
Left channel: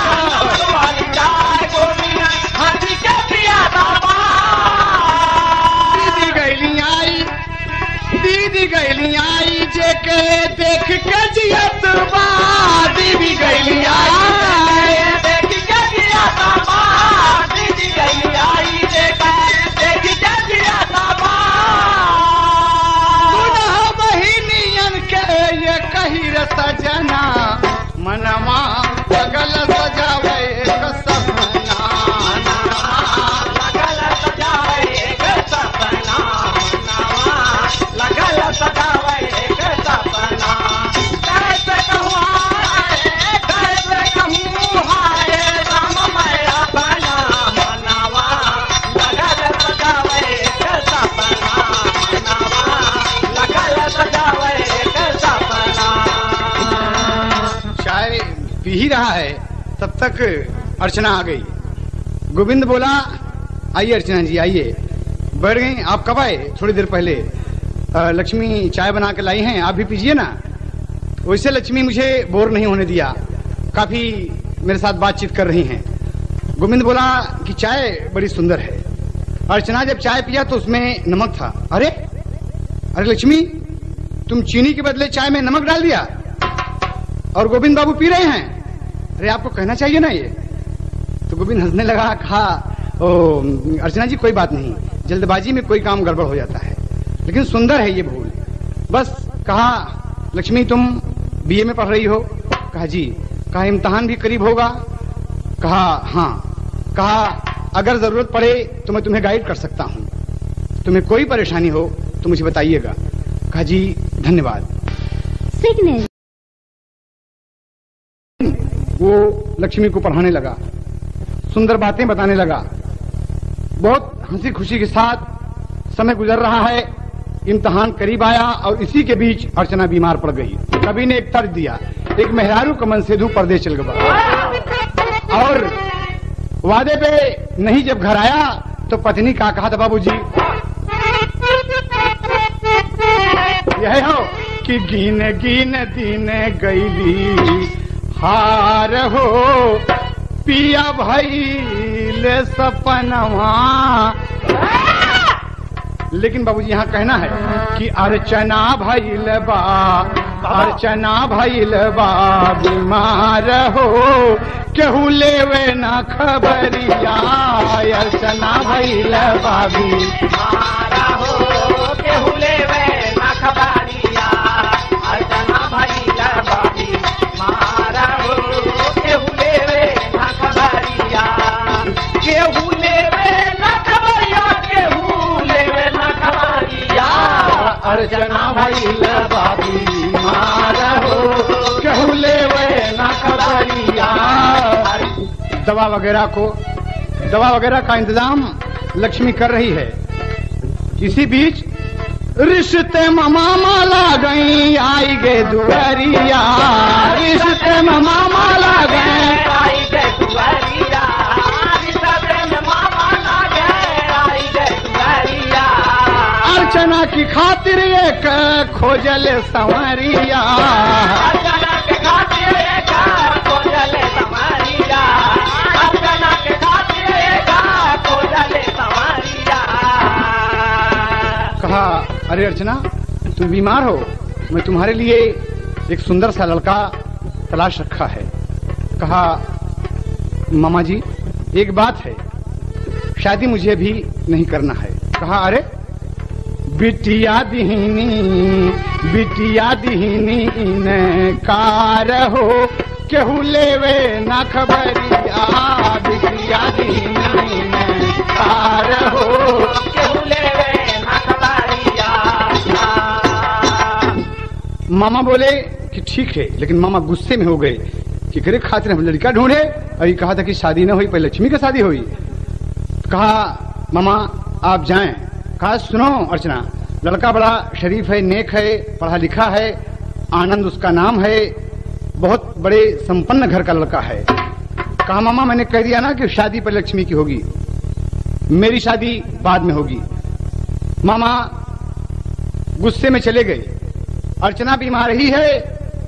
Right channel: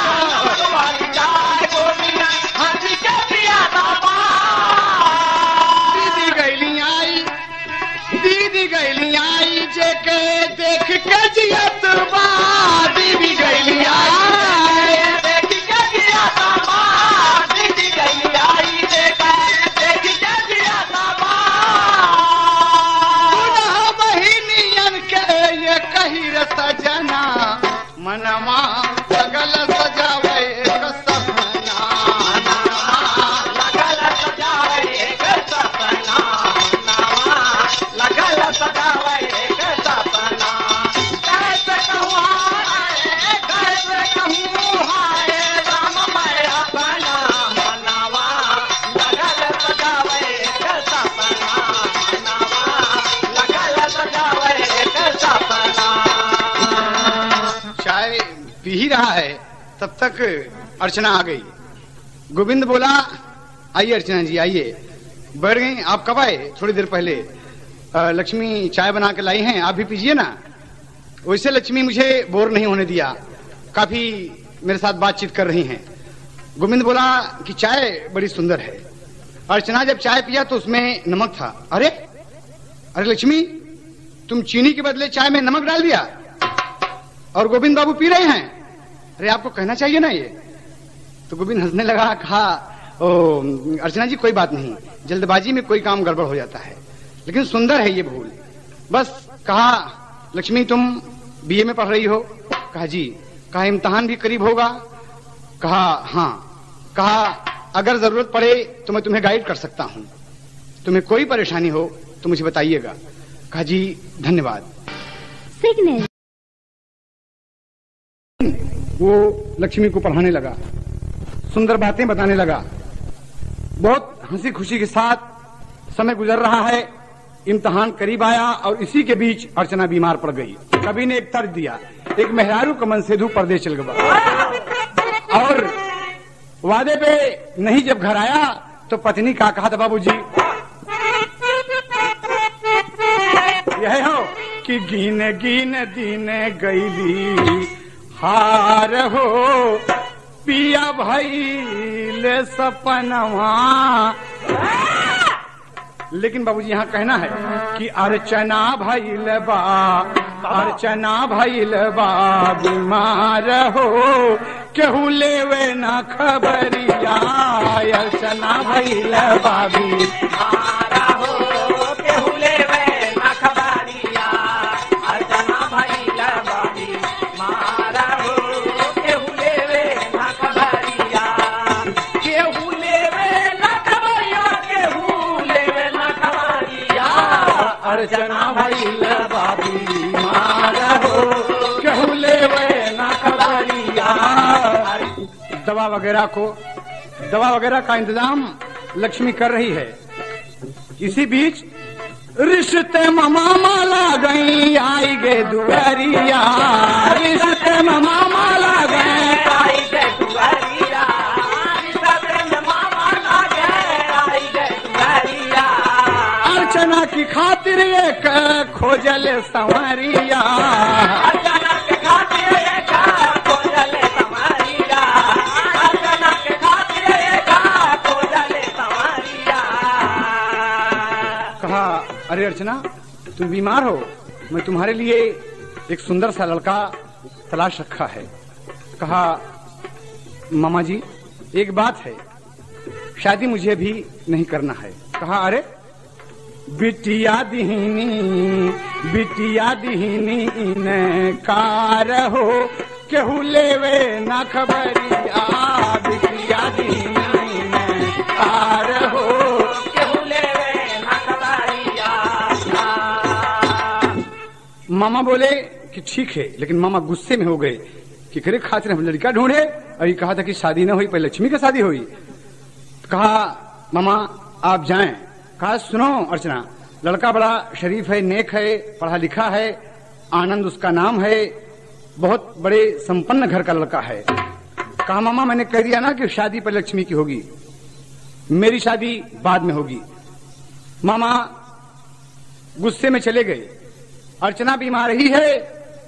नमक वाली चाय गोविंद हंस के पियत बा। दीदी गैली आई जेके देख के जियत बा, दीदी गैली आई देख के जियत बा, दीदी गैली आई देख के जियत बा। दुल्हा बहिनियन के ये कही रे सजना, मनवा लगल सजावे के सपना, लगल सजावे के सपना, लगल सजावे के सपना। कैसे कहूँ हाय राम मैं अपना, मनवा लगल सजावे के सपना, मनवा लगल सजावे के सपना। चाय पी ही रहा है तब तक अर्चना आ गई। गोविंद बोला, आइए अर्चना जी आइए। बैठ गई। आप कब आए? थोड़ी देर पहले। लक्ष्मी चाय बना के लाई हैं, आप भी पीजिए ना। वैसे लक्ष्मी मुझे बोर नहीं होने दिया, काफी मेरे साथ बातचीत कर रही हैं। गोविंद बोला कि चाय बड़ी सुंदर है। अर्चना जब चाय पिया तो उसमें नमक था। अरे लक्ष्मी, तुम चीनी के बदले चाय में नमक डाल दिया और गोविंद बाबू पी रहे हैं। अरे आपको कहना चाहिए ना ये। तो गोविंद हंसने लगा, कहा ओ अर्चना जी कोई बात नहीं, जल्दबाजी में कोई काम गड़बड़ हो जाता है, लेकिन सुंदर है ये भूल। बस कहा लक्ष्मी तुम बीए में पढ़ रही हो? कहा जी। कहा इम्तिहान भी करीब होगा? कहा हाँ। कहा अगर जरूरत पड़े तो मैं तुम्हें गाइड कर सकता हूँ, तुम्हें कोई परेशानी हो तो मुझे बताइएगा। कहा जी धन्यवाद। वो लक्ष्मी को पढ़ाने लगा, सुंदर बातें बताने लगा। बहुत हंसी खुशी के साथ समय गुजर रहा है। इम्तिहान करीब आया और इसी के बीच अर्चना बीमार पड़ गई। कवि ने एक तर्ज दिया, एक मेहरारू का मन सेधु परदेश चल गया। और वादे पे नहीं जब घर आया तो पत्नी का कहा था, बाबूजी यह हो कि गिन गिन दिन गईली हार हो, पिया भइल सपनवा। लेकिन बाबूजी यहाँ कहना है कि अर्चना भइल बा बीमार हो, केहू लेवे ना खबरिया। अर्चना भइल बा बीमार हो, केहू लेवे ना खबरिया। अर्चना भइल बा बीमार हो, केहू लेवे दिल बाबी मार हो केहू लेवे ना खबरिया। दवा वगैरह का इंतजाम लक्ष्मी कर रही है। इसी बीच रिश्ते में मामा ला गई आई गे दुआरिया। रिश्ते में मामा ला गए आई गे दुआरिया, रिश्ते में मामा ला गए आई गे दुआरिया। अर्चना की खातिर एक खोजल संवरिया। अर्चना के खातिर एक खोजल संवरिया, अर्चना के खातिर एक खोजल संवरिया। कहा अरे अर्चना तुम बीमार हो, मैं तुम्हारे लिए एक सुंदर सा लड़का तलाश रखा है। कहा मामा जी एक बात है, शादी मुझे भी नहीं करना है। कहा अरे बिटिया दीनी ने कार हो केहू लेवे ना खबरिया। बिटिया दीनी ने कार हो केहू लेवे ना खबरिया। मामा बोले कि ठीक है, लेकिन मामा गुस्से में हो गए कि करे खातिर हम लड़का ढूंढे। अभी कहा था कि शादी न हुई, पहले लक्ष्मी की शादी हुई। कहा मामा आप जाएं। कहा सुनो अर्चना, लड़का बड़ा शरीफ है, नेक है, पढ़ा लिखा है, आनंद उसका नाम है, बहुत बड़े संपन्न घर का लड़का है। कहा मामा मैंने कह दिया ना कि शादी पर लक्ष्मी की होगी, मेरी शादी बाद में होगी। मामा गुस्से में चले गए। अर्चना बीमार ही है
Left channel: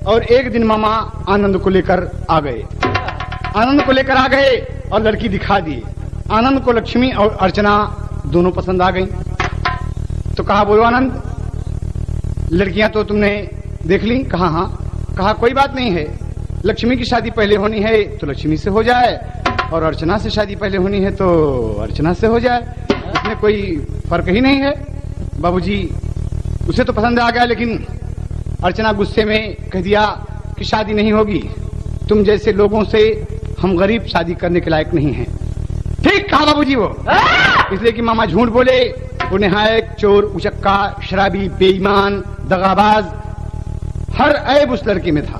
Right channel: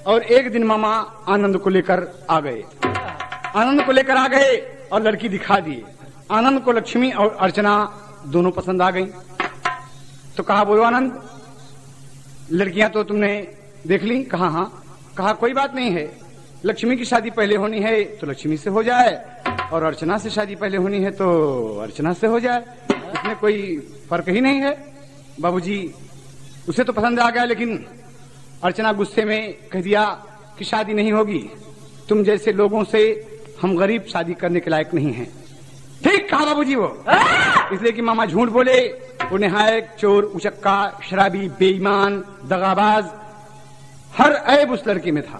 और एक दिन मामा आनंद को लेकर आ गए। आनंद को लेकर आ गए और लड़की दिखा दी। आनंद को लक्ष्मी और अर्चना दोनों पसंद आ गई। तो कहा बोलो आनंद, लड़कियां तो तुमने देख ली? कहा हाँ। कहा कोई बात नहीं है, लक्ष्मी की शादी पहले होनी है तो लक्ष्मी से हो जाए, और अर्चना से शादी पहले होनी है तो अर्चना से हो जाए, इसमें कोई फर्क ही नहीं है। बाबूजी उसे तो पसंद आ गया, लेकिन अर्चना गुस्से में कह दिया कि शादी नहीं होगी, तुम जैसे लोगों से हम गरीब शादी करने के लायक नहीं हैं। ठीक कहा बाबूजी वो, इसलिए कि मामा झूठ बोले, वो निहायक चोर, उचक्का, शराबी, बेईमान, दगाबाज, हर ऐब उस लड़के में था,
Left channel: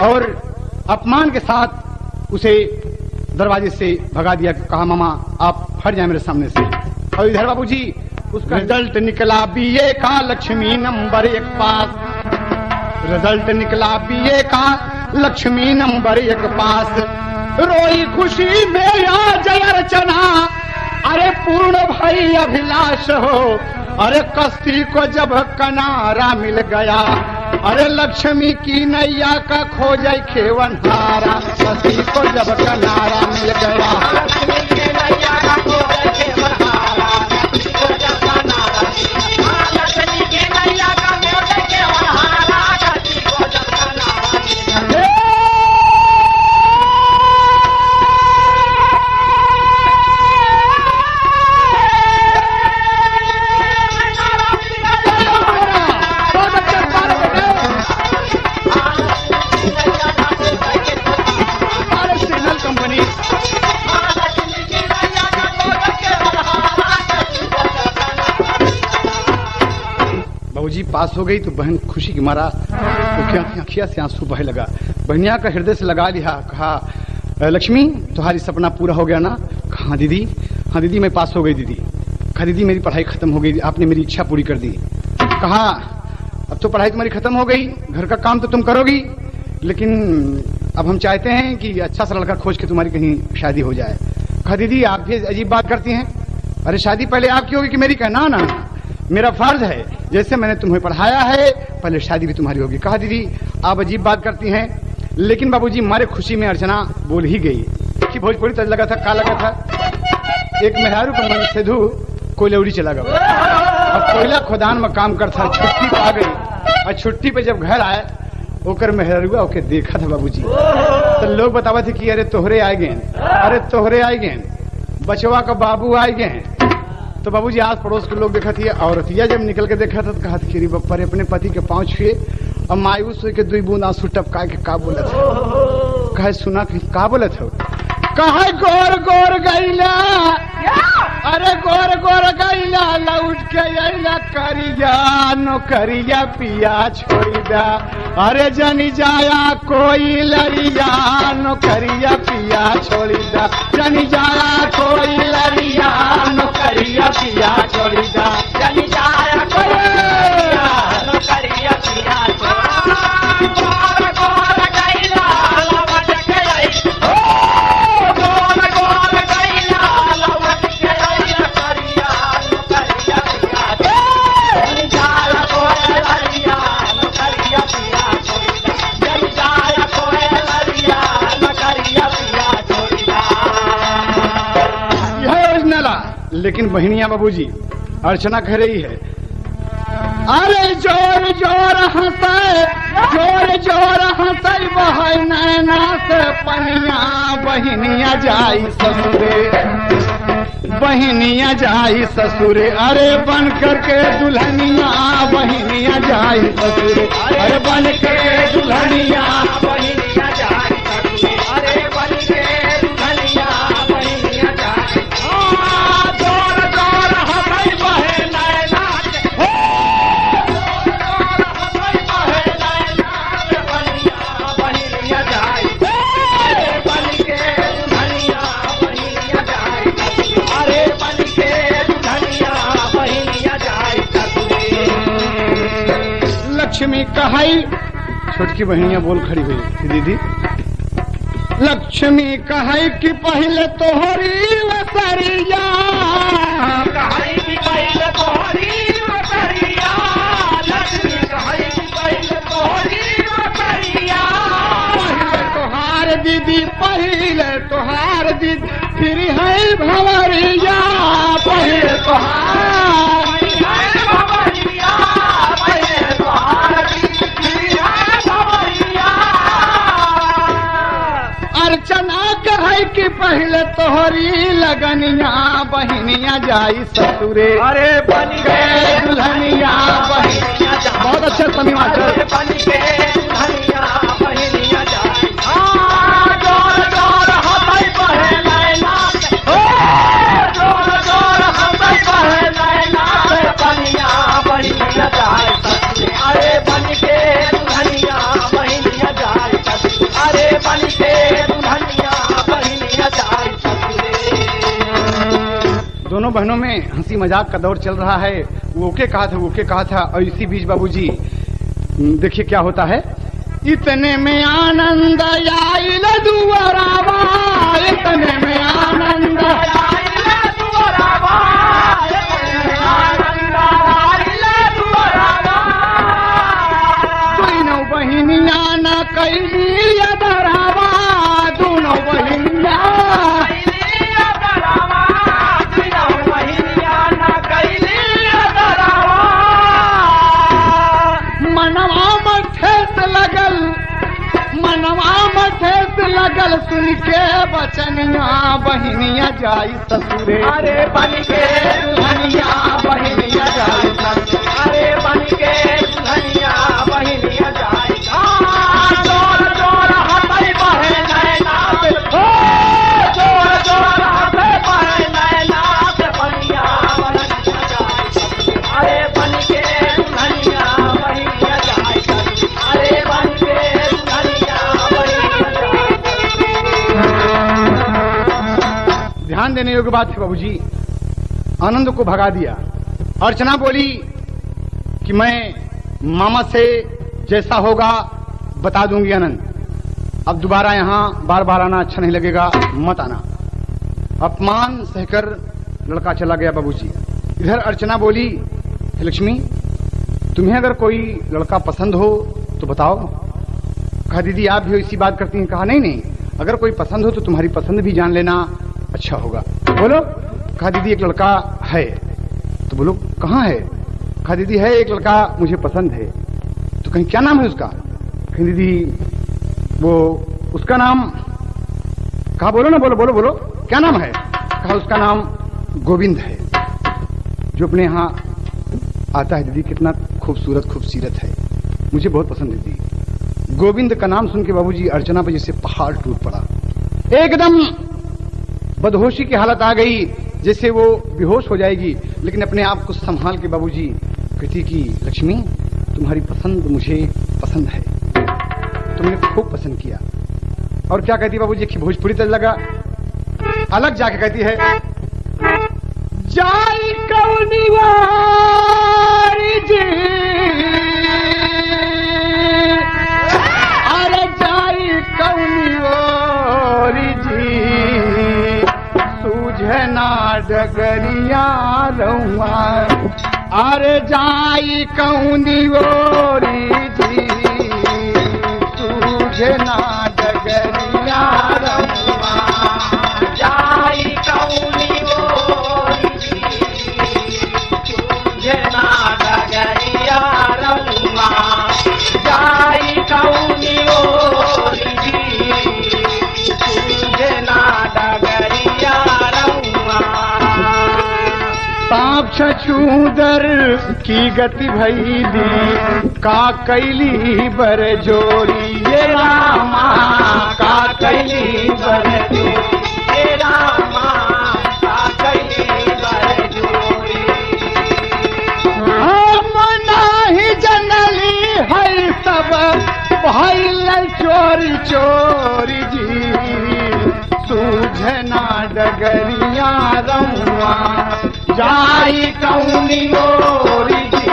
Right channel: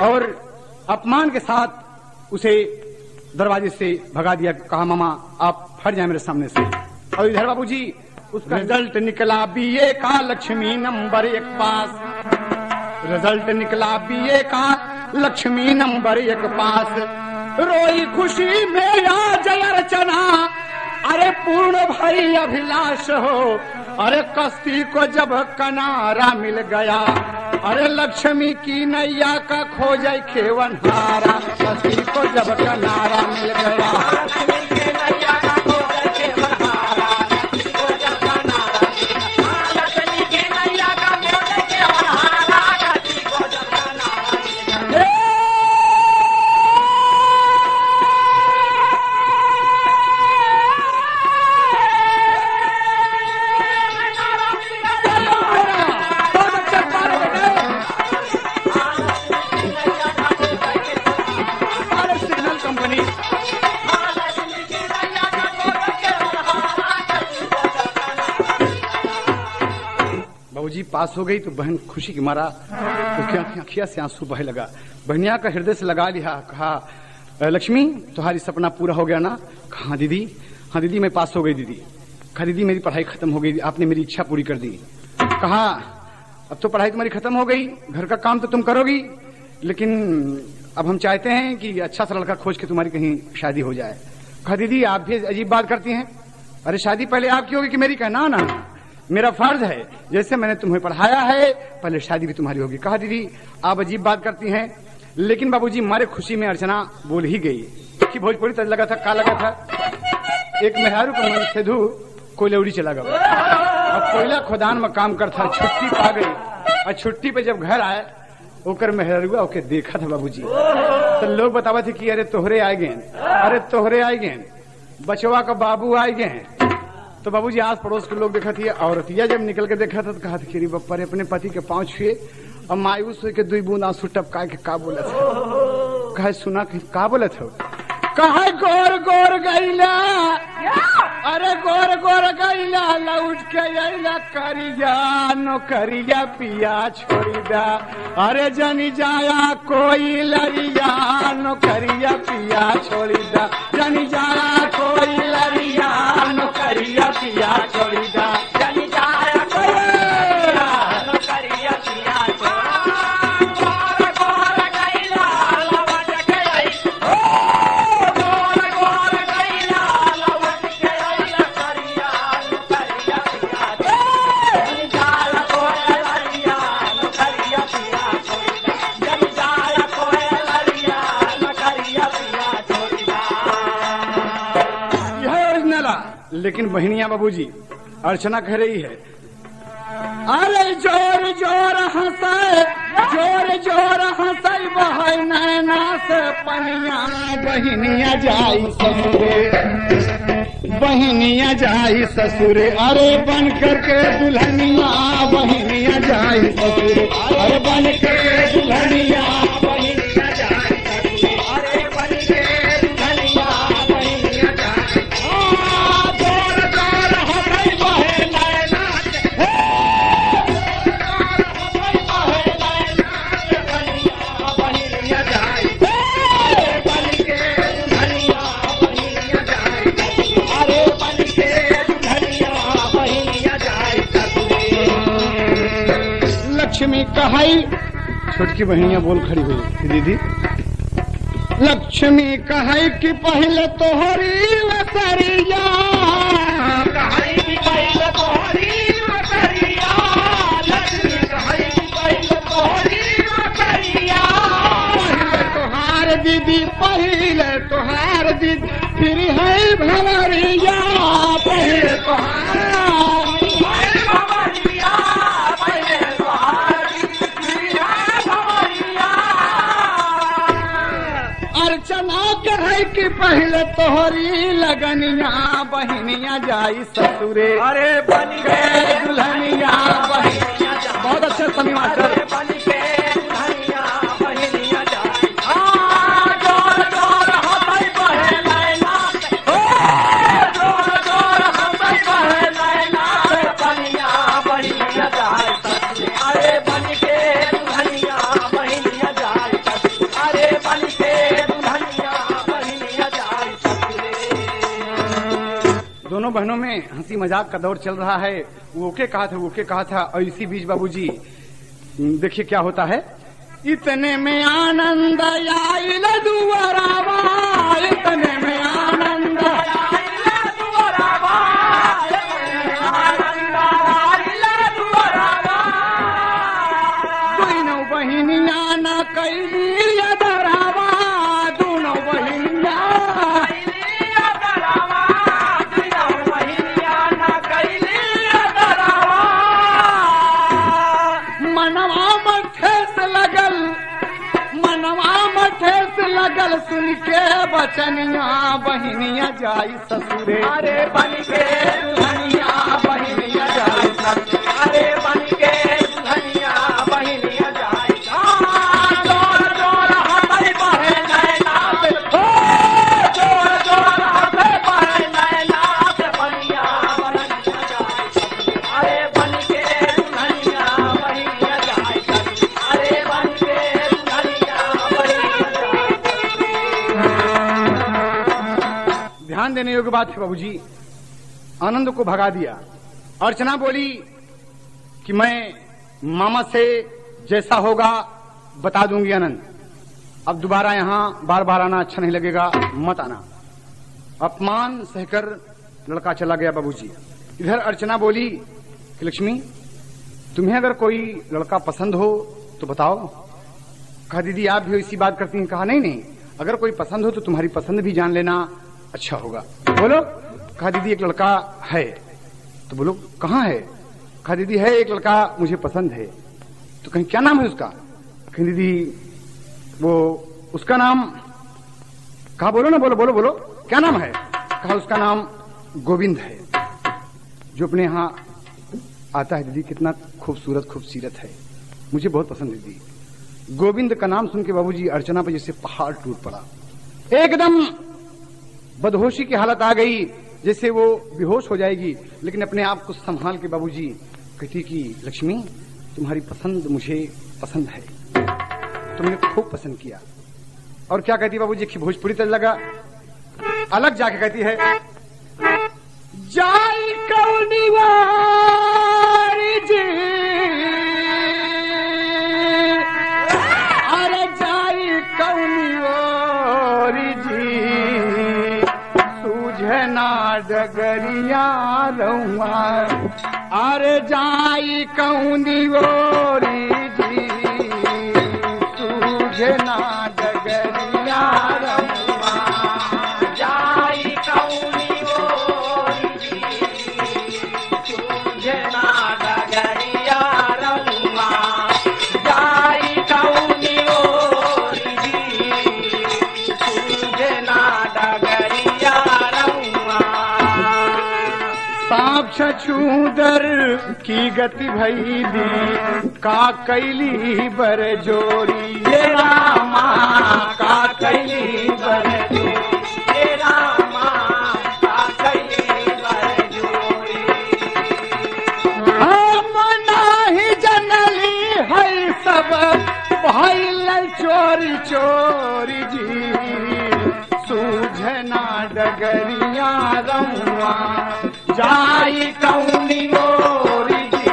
और अपमान के साथ उसे दरवाजे से भगा दिया। कहा मामा आप हट जाए मेरे सामने से। और इधर बाबूजी उसका रिजल्ट निकला बीए का, लक्ष्मी नंबर 1 पास। रिजल्ट निकला बीए का, लक्ष्मी नंबर 1 पास। रोई खुशी में आज अर्चना, अरे पूर्ण भई अभिलाष हो। अरे कश्ती को जब किनारा मिल गया, अरे लक्ष्मी की नैया का खोजे खेवनहारा। कश्ती को जब किनारा मिल गया, लक्ष्मी के नैया का खोजे खेवनहारा। कश्ती को जब किनारा, लक्ष्मी के नैया का खोजे खेवनहारा। कश्ती को जब किनारा। बाबूजी पास हो गई तो बहन खुशी की मारा अखिया से आंसू बहे लगा। बहनिया का हृदय से लगा लिया। कहा लक्ष्मी तुम्हारी सपना पूरा हो गया ना? कहा हाँ दीदी, हाँ दीदी मैं पास हो गई दीदी। कहा दीदी मेरी पढ़ाई खत्म हो गई, आपने मेरी इच्छा पूरी कर दी। कहा अब तो पढ़ाई तुम्हारी खत्म हो गई, घर का काम तो तुम करोगी, लेकिन अब हम चाहते हैं कि अच्छा सा लड़का खोज के तुम्हारी कहीं शादी हो जाए। कहा दीदी आप भी अजीब बात करती हैं, अरे शादी पहले आपकी होगी कि मेरी? क्या ना ना, मेरा फर्ज है, जैसे मैंने तुम्हें पढ़ाया है पहले शादी भी तुम्हारी होगी। कहा दीदी आप अजीब बात करती हैं, लेकिन बाबूजी मारे खुशी में अर्चना बोल ही गई कि भोजपुरी तज लगा था, का लगा था, एक मेहरारू पर मन से धू कोयलौड़ी चला गया। अब कोयला खोदान में काम करता, छुट्टी पे आ गई, और छुट्टी पे जब घर आए ओकर मेहरुआ ओके देखा था बाबूजी, तो लोग बतावा थे कि अरे तोहरे आए गए, अरे तोहरे आए गए, बचवा का बाबू आए गए। तो बाबूजी आस पड़ोस के लोग देखा थी, औरतिया जब निकल के देखा था तो कहा कि बप्पा अपने पति के पांव छुए और मायूस के 2 बूंद आंसू टपका के का बोले थे। कहे सुना कि का बोले थे? कहा गोर गोर गैला, अरे गोर गोर गैला लौट के अइला करिया नौकरिया पिया छोड़ दा, अरे जनी जाया कोई लरिया नौकरिया पिया छोड़ दा, जनी जाया कोई लरिया नौकरिया पिया छोड़ दा, जनी जाया कोई लरिया नौकरिया पिया छोड़ दा। गोर गोर गैला लौट के अइला, गोर गोर गैला लौट के अइला करिया नौकरिया पिया छोड़ दा, जनी जाया कोई लरिया नौकरिया पिया छोड़ दा, जनी जाया कोई लरिया नौकरिया पिया छोड़ दा। यह ओरिजिनल है, लेकिन बहनिया बाबूजी अर्चना कह रही है, अरे जोर जोर हंसाए, जोर जोर हंसाई बहै नैना से पनिया, बहनिया जाई ससुरे, बहनिया जाई ससुरे, अरे बन करके दुल्हनिया बहनिया जाई ससुरे, अरे बन के दुल्हनिया बहनिया जाई ससुरे, अरे बन के दुल्हनिया बहनिया जाई। जोर जोर हंसाई बहै नैना से, लक्ष्मी कहाई, छोटकी बहनिया बोल खड़ी हुई, दीदी लक्ष्मी कहाई कि पहले तोहरी वसरिया, कहाई कि पहले तोहरी वसरिया, लक्ष्मी कहाई कि पहले तोहरी वसरिया, पहले तोहार दीदी, पहले तोहार दीदी, फिर है भंवरिया, पहले तोहार अर्चना कहे कि पहले तोहरी लगनिया बहनिया जाई ससुरे, अरे बन गए दुल्हनिया बहनिया जाई। बहुत अच्छा समी मास्टर, बन गए दुल्हनिया बहनिया जाई। जोर जोर हंसाई बहे नैना, जोर जोर हंसाई बहे नैना से पनिया बहनिया जाई ससुरे, अरे बन के दुल्हनिया बहनिया जाई ससुरे, अरे बन के दोनों बहनों में हंसी मजाक का दौर चल रहा है। वो के कहा था, वो के कहा था, और इसी बीच बाबूजी देखिए क्या होता है। इतने में आनंद आइल दुआरावा, इतने में आनंद आइल दुआरावा, दोनों बहनिया न कैली अदरावा, दोनों बहनिया लगल सुन के बचनिया बहनिया जाई ससुरे, अरे बन के दुल्हनिया बहनिया जाई ससुरे, अरे बन के दुल्हनिया बहनिया जाई। जोर जोर हंसाई बहे नैना से, जोर जोर हंसाई बहे नैना से बहनिया बहनिया जाई ससुरे, अरे बन के दुल्हनिया बहनिया जाई ससुरे, अरे बन के दुल्हनिया बहनिया जाई। ध्यान देने योग्य बात है बाबूजी, आनंद को भगा दिया। अर्चना बोली कि मैं मामा से जैसा होगा बता दूंगी आनंद, अब दोबारा यहाँ बार बार आना अच्छा नहीं लगेगा, मत आना। अपमान सहकर लड़का चला गया बाबूजी। इधर अर्चना बोली कि लक्ष्मी तुम्हें अगर कोई लड़का पसंद हो तो बताओ। कहा दीदी आप भी इसी बात करती हैं। कहा नहीं नहीं, अगर कोई पसंद हो तो तुम्हारी पसंद भी जान लेना अच्छा होगा। बोलो। कहा दीदी एक लड़का है। तो बोलो कहाँ है? कहा दीदी है एक लड़का मुझे पसंद है। तो कहीं क्या नाम है उसका? कहीं दीदी वो उसका नाम। कहा बोलो ना, बोलो बोलो बोलो क्या नाम है? कहा उसका नाम गोविंद है, जो अपने यहाँ आता है। दीदी कितना खूबसूरत खूबसूरत है, मुझे बहुत पसंद है दीदी। गोविंद का नाम सुन के बाबूजी अर्चना पर जैसे पहाड़ टूट पड़ा। एकदम बदहोशी की हालत आ गई, जैसे वो बेहोश हो जाएगी, लेकिन अपने आप को संभाल के बाबूजी कहती कि लक्ष्मी, तुम्हारी पसंद मुझे पसंद है, तुमने खूब पसंद किया। और क्या कहती बाबूजी कि भोजपुरी तज लगा, अलग जाके कहती है, जाई कौनी वारी जी, अरे जाई कौनी वारी जी, सूझे ना डगरिया रहुआ, अरे जाई कौनी वारी जी, सूझे ना डगरिया रहुआ, जाई कौनी छछूदर की गति भैली का कैली बर जोरी, रामा का कैली बर जोरी, रामा का कैली बर जोरी, मना ही जनली है सब भैल चोरी चोरी जी, सूझना डगरिया रहुआ, जाई कौनी गोरी जी,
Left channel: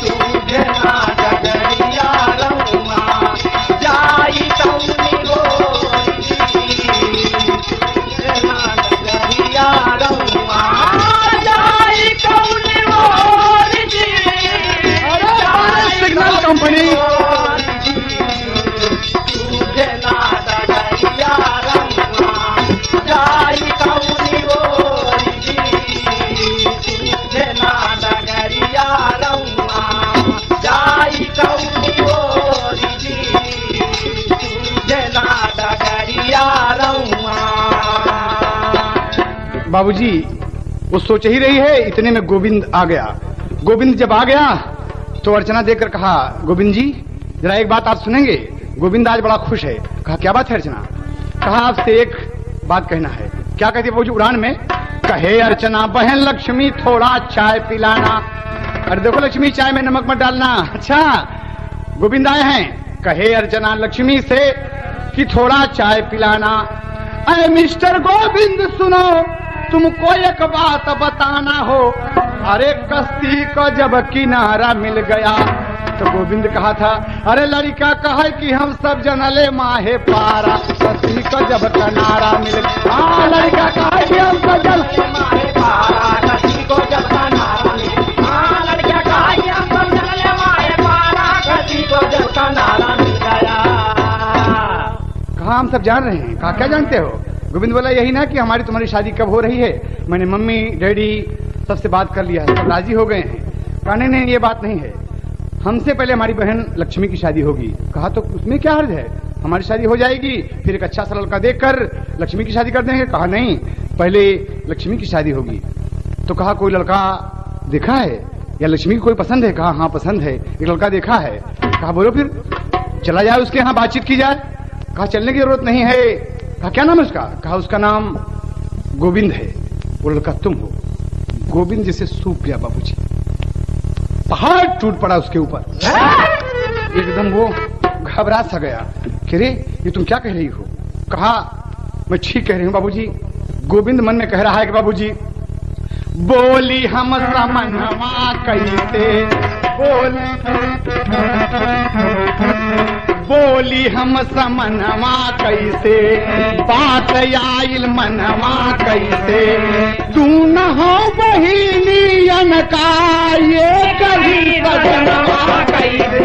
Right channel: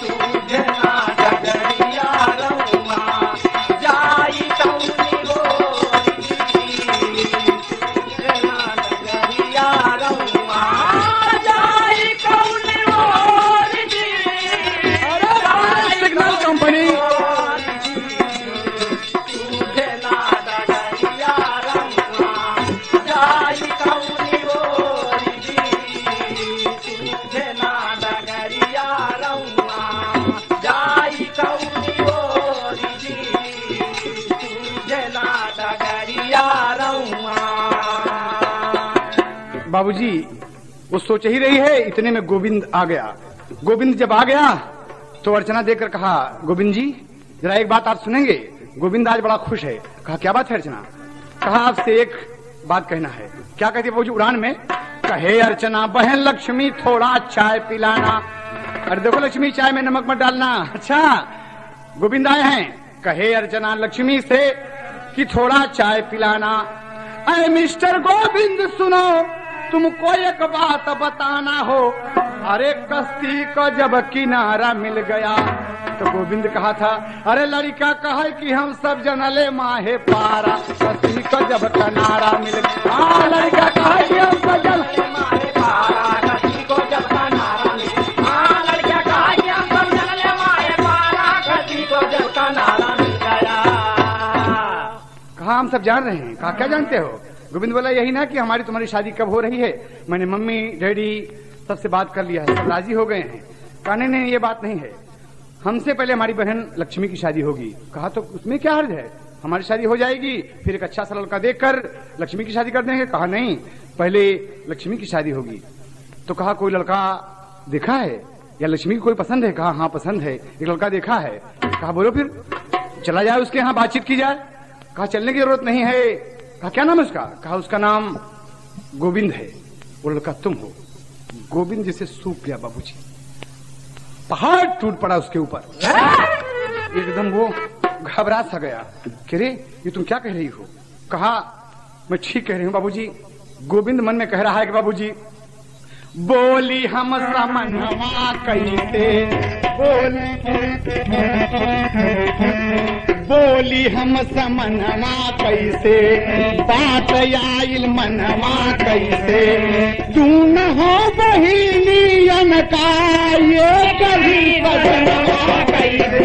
सूझना डगरिया रहुआ, जाई कौनी गोरी जी, सूझना डगरिया रहुआ, जाई कौनी गोरी जी, सिग्नल कंपनी, सूझना डगरिया रहुआ, जाई कौनी बाबूजी वो सोच ही रही है, इतने में गोविंद आ गया। गोविंद जब आ गया तो अर्चना देखकर कहा, गोविंद जी जरा एक बात आप सुनेंगे। गोविंद आज बड़ा खुश है। कहा क्या बात है अर्चना? कहा आपसे एक बात कहना है। क्या कहती है बाबूजी उड़ान में? कहे अर्चना बहन लक्ष्मी थोड़ा चाय पिलाना। अरे देखो लक्ष्मी चाय में नमक मत डालना। अच्छा गोविंद आए हैं। कहे अर्चना लक्ष्मी से कि थोड़ा चाय पिलाना। अरे मिस्टर गोविंद सुनो, तुमको एक बात बताना हो। अरे कश्ती को जब किनारा मिल गया तो गोविंद कहा था, अरे लड़का कहे कि हम सब जनले माहे पारा। कश्ती को जब किनारा मिल गया, लड़का कहे कि हम सब जनले माहे पारा। कश्ती को जब किनारा मिल गया, लड़का कहे कि हम सब जनले माहे पारा। कश्ती को जब किनारा मिल गया। कहा हम सब जान रहे हैं। कहा क्या जानते हो? गोविंद बोला यही ना कि हमारी तुम्हारी शादी कब हो रही है। मैंने मम्मी डैडी सबसे बात कर लिया, सब राजी हो गए हैं। कहा नहीं ये बात नहीं है, हमसे पहले हमारी बहन लक्ष्मी की शादी होगी। कहा तो उसमें क्या हर्ज है, हमारी शादी हो जाएगी, फिर एक अच्छा सा लड़का देखकर लक्ष्मी की शादी कर देंगे। कहा नहीं पहले लक्ष्मी की शादी होगी। तो कहा कोई लड़का देखा है या लक्ष्मी की कोई पसंद है? कहा हाँ पसंद है, एक लड़का देखा है। कहा बोलो फिर चला जाए उसके यहाँ बातचीत की जाए। कहा चलने की जरूरत नहीं है। कहा क्या नाम है उसका? कहा उसका नाम गोविंद है। वो लड़का तुम हो। गोविंद जिसे सूख गया बाबूजी, पहाड़ टूट पड़ा उसके ऊपर। एकदम वो घबरा सा गया कि रे ये तुम क्या कह रही हो? कहा मैं ठीक कह रही हूँ बाबूजी। गोविंद मन में कह रहा है कि बाबूजी बोली हम समनवा कैसे, बोली हम समनवा कैसे, बात आइल मनवा कैसे, तू न हो बहिनियन का ये कभी बदनवा कैसे।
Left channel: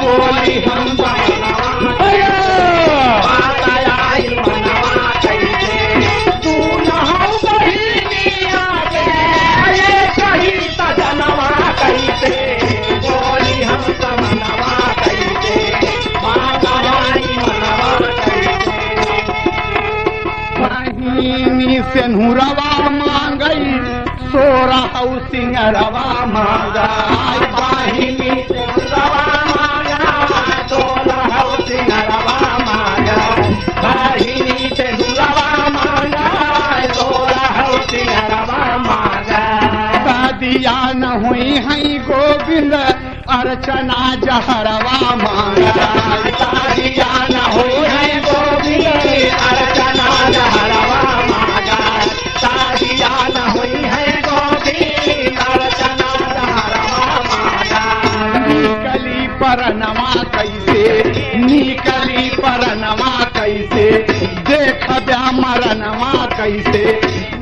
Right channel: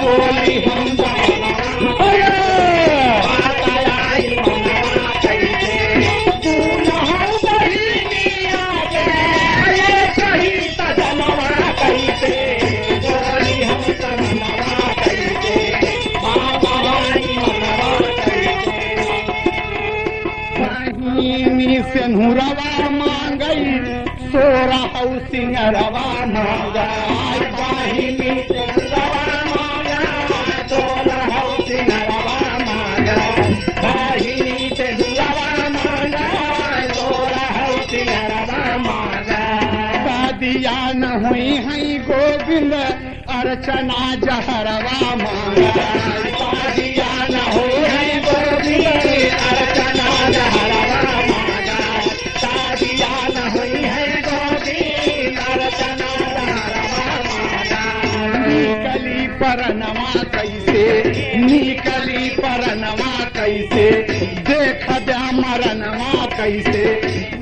बोली हम बात आइल मनवा कैसे, तू न हो बहिनिया के ये कभी बदनवा कैसे। बोली हम समनवा से नूरवा मांगई, सोरा सिंगरवा मांगाई। बाहिनी से नूरवा मांगा, सोरा सिंगरवा मांगा। बाहिनी से नूरवा मांगा, अर्चना जहरवा मांगा शादिया न होई गोविंद अर्चना जहरवा मांगा शादिया न होई है गोविंद अर्चना जहरवा मांगा निकली परनमा कैसे निकली परनमा कैसे देख ब्या मरनमा कैसे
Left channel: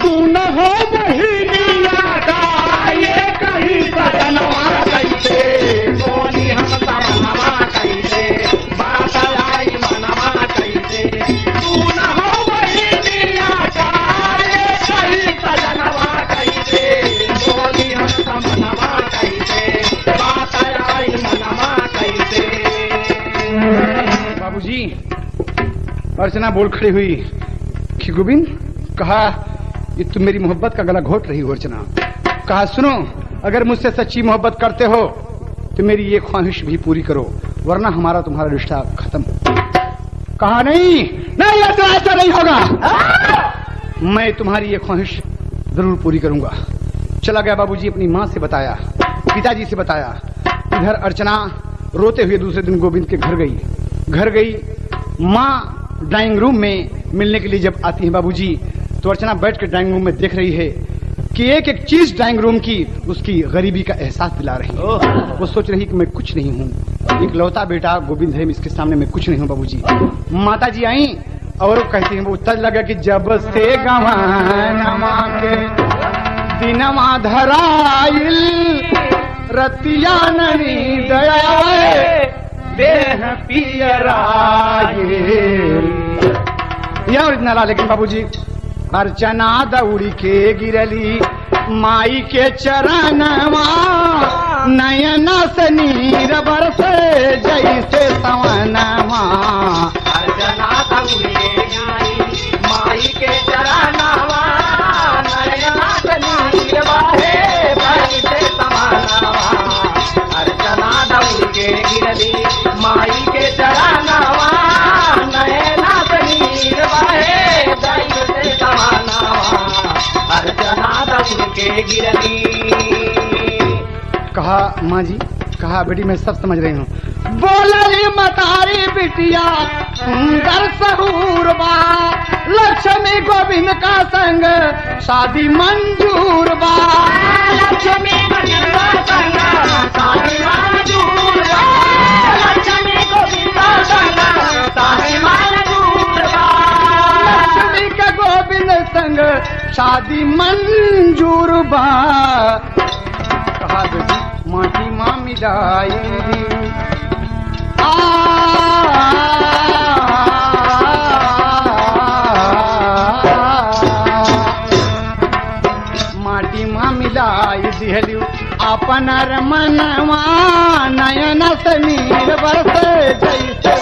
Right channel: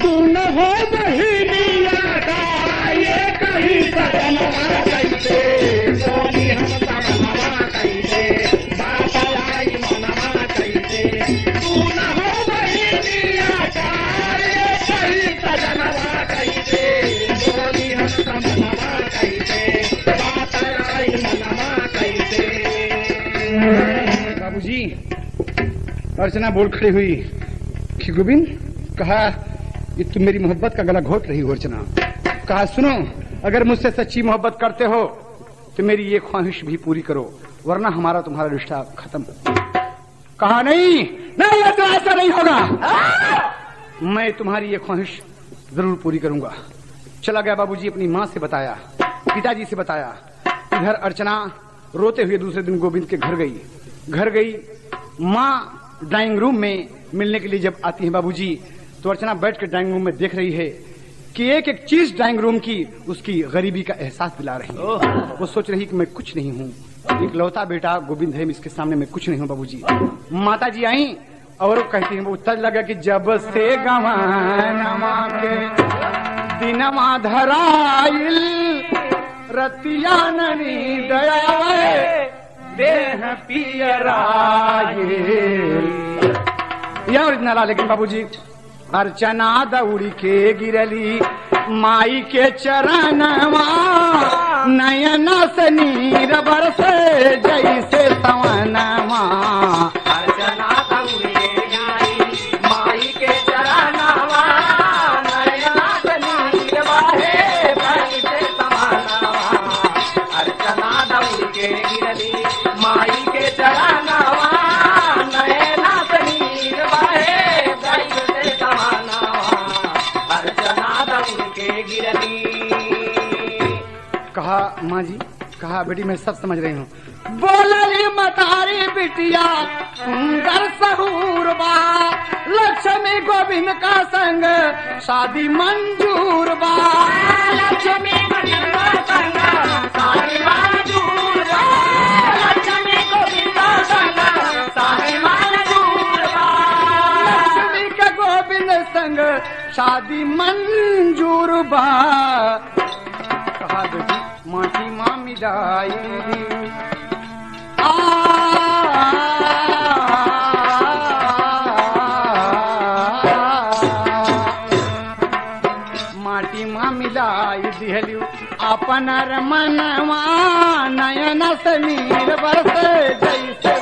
तू न हो बहिनिया का ये कहीं सदनमा कैसे बोली हम तमन्ना कैसे बात आई मनवा कैसे तू न हो बहिनिया का ये कहीं सजनवा कैसे बोली हम तमन्ना कैसे बात आई मनवा कैसे। बाबूजी अर्चना बोल खड़ी हुई कि गोविंद, कहा ये तुम मेरी मोहब्बत का गला घोट रही हो अर्चना। कहा सुनो, अगर मुझसे सच्ची मोहब्बत करते हो तो मेरी ये ख्वाहिश भी पूरी करो, वरना हमारा तुम्हारा रिश्ता खत्म। कहा नहीं नहीं, ऐसा नहीं होगा, मैं तुम्हारी ये ख्वाहिश जरूर पूरी करूंगा। चला गया बाबूजी, अपनी माँ से बताया, पिताजी से बताया। इधर अर्चना रोते हुए दूसरे दिन गोविंद के घर गई। माँ ड्राइंग रूम में मिलने के लिए जब आती है बाबूजी, तो अर्चना बैठ कर ड्राइंग रूम में देख रही है कि एक एक चीज ड्राइंग रूम की उसकी गरीबी का एहसास दिला रही है। वो सोच रही कि मैं कुछ नहीं हूँ, एक लौता बेटा गोविंद है, इसके सामने मैं कुछ नहीं हूँ। बाबूजी माता जी आई और कहती हैं, वो उत्तर लगा कि जब से गवानमा के दिनमा धराइल रतिया ननी दया देह पियराए। यह ओरिजिनल है, लेकिन बाबूजी अर्चना दौड़ी के गिरली माई के चरणवा नयन से नीर बरसे जैसे सवनवा। अर्चना दौड़ी के गिरली माई के चरणवा नयन से नीर बरसे जैसे सवनवा। अर्चना दौड़ी के गिरली माई के चरणवा नयन से नीर बरसे जैसे सवनवा। अर्चना दौड़ी के गिरली। कहा माँ जी, कहा बेटी मैं सब समझ रही हूँ। बोलली मतारी बिटिया सुंदर सहूर बा, लक्ष्मी गोविंद का संग शादी मंजूर बा। लक्ष्मी गोविंद का संग शादी मंजूर बा। लक्ष्मी गोविंद का संग शादी मंजूर बा। लक्ष्मी के गोविंद संग शादी मंजूर बा। कहा बेटी माटी माँ मिलाई माटी माँ मिलाई दिहलू अपन मनवा नयन समीर बरसे जैसे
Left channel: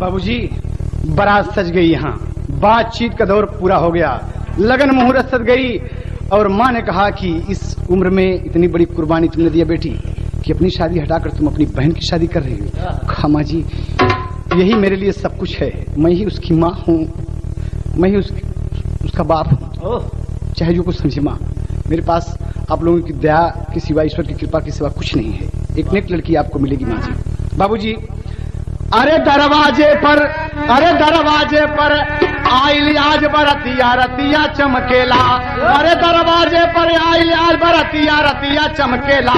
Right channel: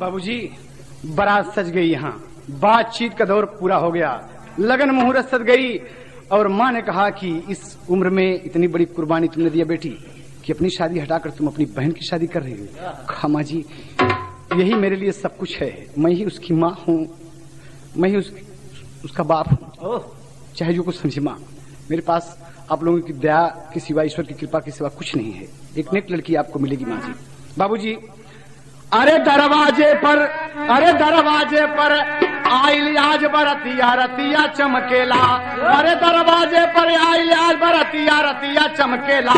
बाबूजी बारात सज गई, यहाँ बातचीत का दौर पूरा हो गया, लगन मुहूर्त सज गई। और माँ ने कहा कि इस उम्र में इतनी बड़ी कुर्बानी तुमने दिया बेटी कि अपनी शादी हटाकर तुम अपनी बहन की शादी कर रही हो। कहा माँ जी यही मेरे लिए सब कुछ है, मैं ही उसकी माँ हूँ, मैं ही उसका बाप हूँ, चाहे जो कुछ समझे माँ। मेरे पास आप लोगों की दया के सिवा, ईश्वर की कृपा के सिवा कुछ नहीं है। एक नेक लड़की आपको मिलेगी माँ जी। बाबूजी अरे दरवाजे पर आइल आज बरतिया रतिया चमकेला। अरे दरवाजे पर आइल आज बरतिया रतिया चमकेला।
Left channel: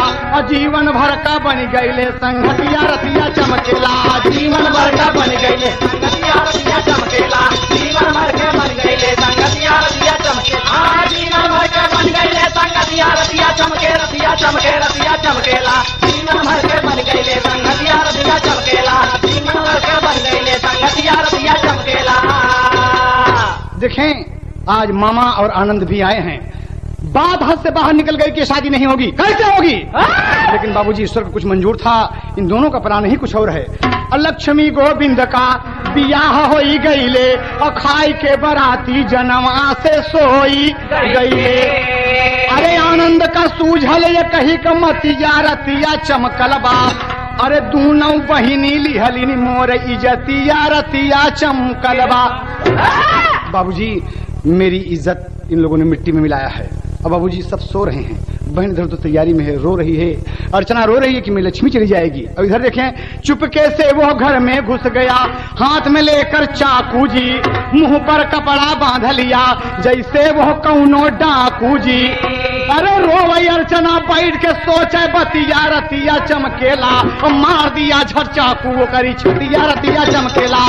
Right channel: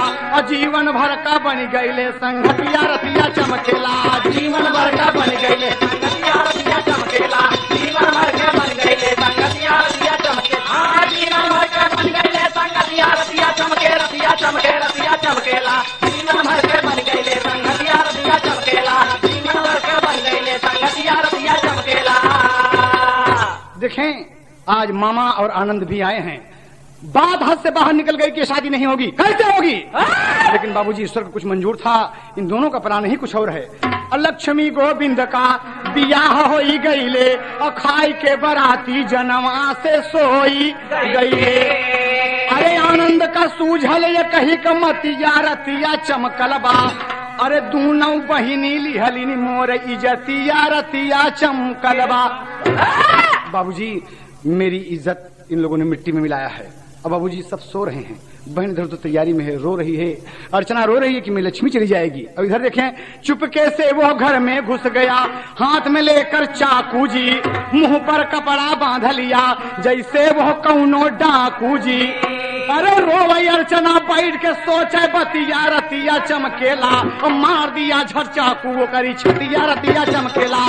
जीवन भर का बन गईले संगतिया रतिया चमकेला। जीवन भर का बन गईले संगतिया रतिया चमकेला। जीवन भर के बन गईले संगतिया रतिया चमकेला। जीवन भर के बन गईले संगतिया रतिया चमके रतिया चमके रतिया चमकेला। जीवन भर के बन गईले संगतिया रतिया चमकेला। जीवन भर के बन गईले संगतिया रतिया चमकेला। देखें आज मामा और आनंद भी आए हैं। बात हद से बाहर निकल गई कि शादी नहीं होगी, कैसे होगी? लेकिन बाबूजी ईश्वर को कुछ मंजूर था, इन दोनों का प्राण ही कुछ और है। लक्ष्मी गोविंद का बियाह हो गईले और खाई के बराती जनवा से सोई गईले। अरे आनंद का सूझल ये कही का मतिया रतिया चमकल बा। अरे दूनों बहिनी लिहलिनी मोर इज्जतिया रतिया चमकल बा। बाबूजी मेरी इज्जत इन लोगों ने मिट्टी में मिलाया है। अब बाबूजी सब सो रहे हैं, बहन इधर तो तैयारी में है, रो रही है। अर्चना रो रही है कि मैं लक्ष्मी चली जाएगी। अब इधर देखें, चुपके से वो घर में घुस गया, हाथ में लेकर चाकू जी, मुंह पर कपड़ा बांध लिया जैसे वो कौनो डाकू जी। अरे रो वही अर्चना बैठ के सोचे बतिया रतिया चमकेला, मार दिया झट चाकू वो करी छतिया रतिया चमकेला।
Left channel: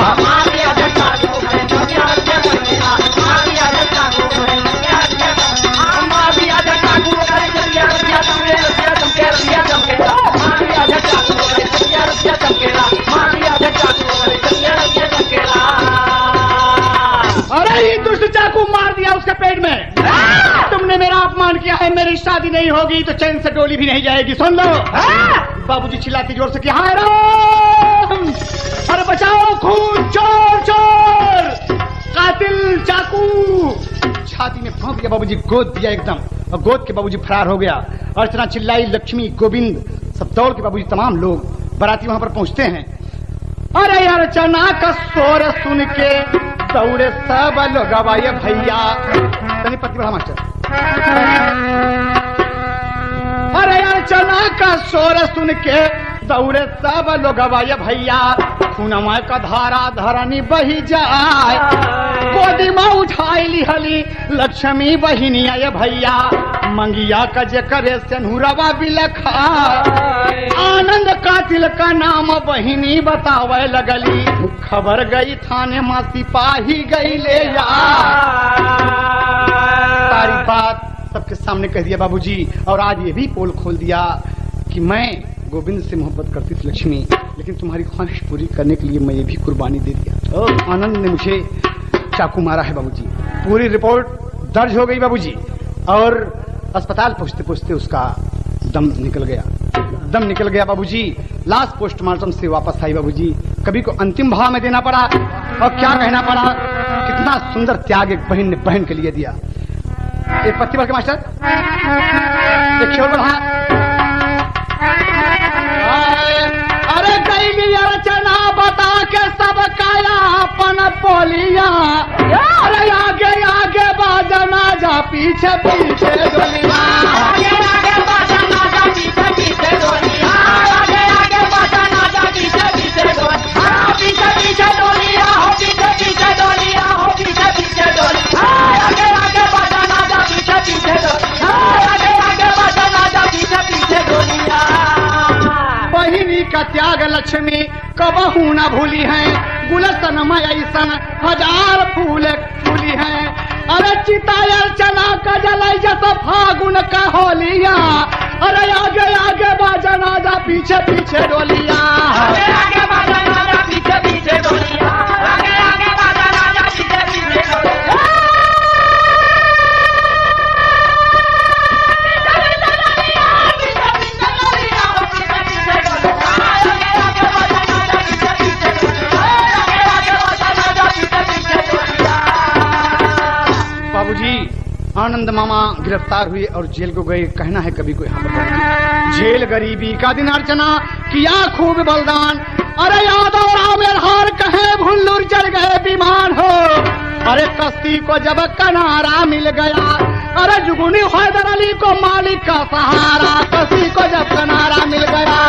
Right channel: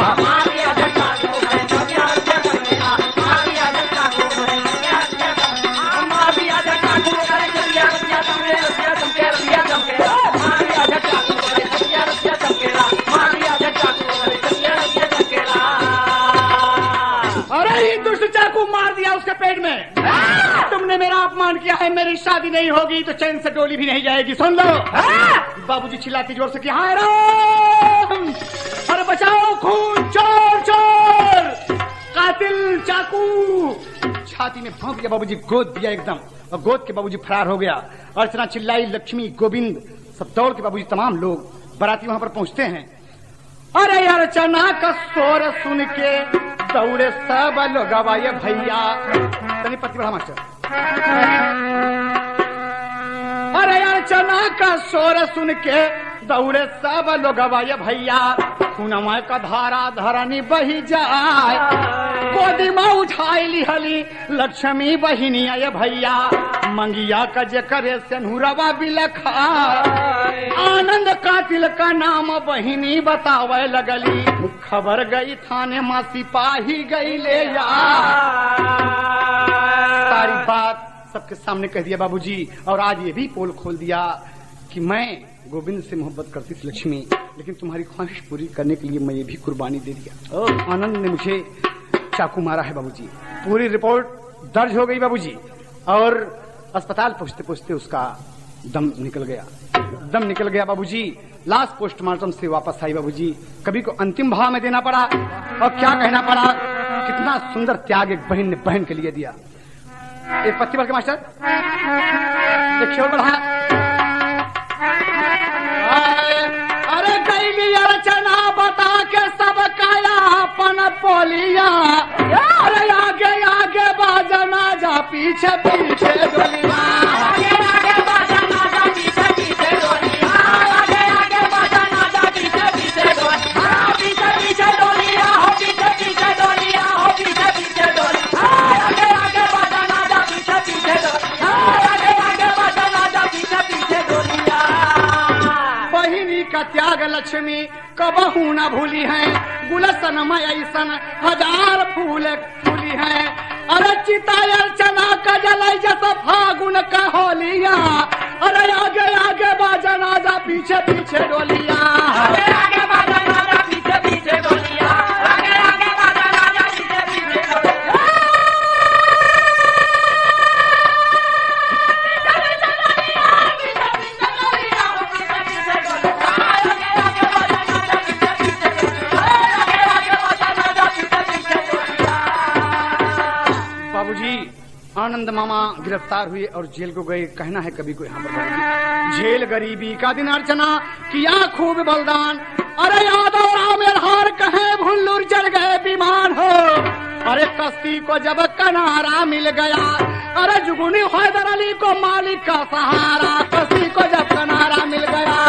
अरे ये दुष्ट चाकू मार दिया उसके पेट में। तुमने मेरा अपमान किया है, मेरी शादी नहीं होगी तो चैन से डोली भी नहीं जाएगी, सुन लो। बाबूजी चिल्लाती जोर से कि हाय राम, अरे बचाओ, खून, चोर चोर, कातिल चाकू। छाती में भौंक दिया बाबूजी, गोद दिया एकदम, और गोद के बाबूजी फरार हो गया। अर्चना चिल्लाई, लक्ष्मी गोविंद सब दौड़ के बाबूजी तमाम लोग बाराती वहां पर पहुंचते हैं। अरे अर्चना का शोर सुन के दौड़े सब लोग गवाए भैया। तनी पत्ती बढ़ा मास्टर। अरे अर्चना का शोर सुन के दौड़े सब लोग गवाए भैया। खूनमा का धारा धरनी बही जाए, गोदी में उठाई लिहली लक्ष्मी बहिनी आए भैया। मंगिया का जे करे सेनुरवा बिलखा, आनंद कातिल का नाम बहिनी बतावे लगली। खबर गई थाने में सिपाही गई ले जा। सारी बात सबके सामने कह दिया बाबूजी, और आज ये भी पोल खोल दिया कि मैं गोविंद से मोहब्बत करती थी लक्ष्मी, लेकिन तुम्हारी ख्वाहिश पूरी करने के लिए मैं ये भी कुर्बानी दे दिया। आनंद ने मुझे चाकू मारा है बाबूजी। पूरी रिपोर्ट दर्ज हो गई बाबूजी, और अस्पताल पहुंचते पहुंचते उसका दम निकल गया बाबूजी। लाश पोस्टमार्टम से वापस आई बाबूजी। कभी को अंतिम भाव में देना पड़ा, और क्या कहना पड़ा, कितना सुंदर त्याग एक बहन ने बहन के लिए दिया। एक पत्ती बढ़ के मास्टर, एक खेल बढ़ा। अरे गई अर्चना बता के सब कायापन पोलिया। अरे आगे आगे बाजना जा, पीछे पीछे डोलिया। आगे आगे बाजना जा, पीछे पीछे डोलिया। आगे आगे बाजना जा, पीछे पीछे डोलिया। पीछे पीछे डोलिया, पीछे पीछे डोलिया, पीछे पीछे डोलिया। आगे आगे बाजना जा, पीछे पीछे डोलिया। आगे आगे बाजना जा, पीछे पीछे डोलिया। बहिनी का त्याग लक्ष्मी कबहू न भूली है, गुलशन में ऐसन हजार फूल फूली है। अरे चिता अर्चना का जलाई जैसा फागुन का होलिया। अरे आगे आगे बाजना जा, पीछे पीछे डोलिया। आगे आगे बाजना जा, पीछे पीछे डोलिया। आगे आगे बाजना जा, पीछे पीछे डोलिया। बाबूजी आनंद मामा गिरफ्तार हुए और जेल को गए। कहना है कभी कोई हम जेल गरीबी का दिन अर्चना किया खूब बलिदान। अरे यादव राम हार कहे भुल्लुर चढ़ गए विमान हो। अरे कश्ती को जब किनारा मिल गया, अरे जुगुनी हैदर अली को मालिक का सहारा। कश्ती को जब किनारा मिल गया,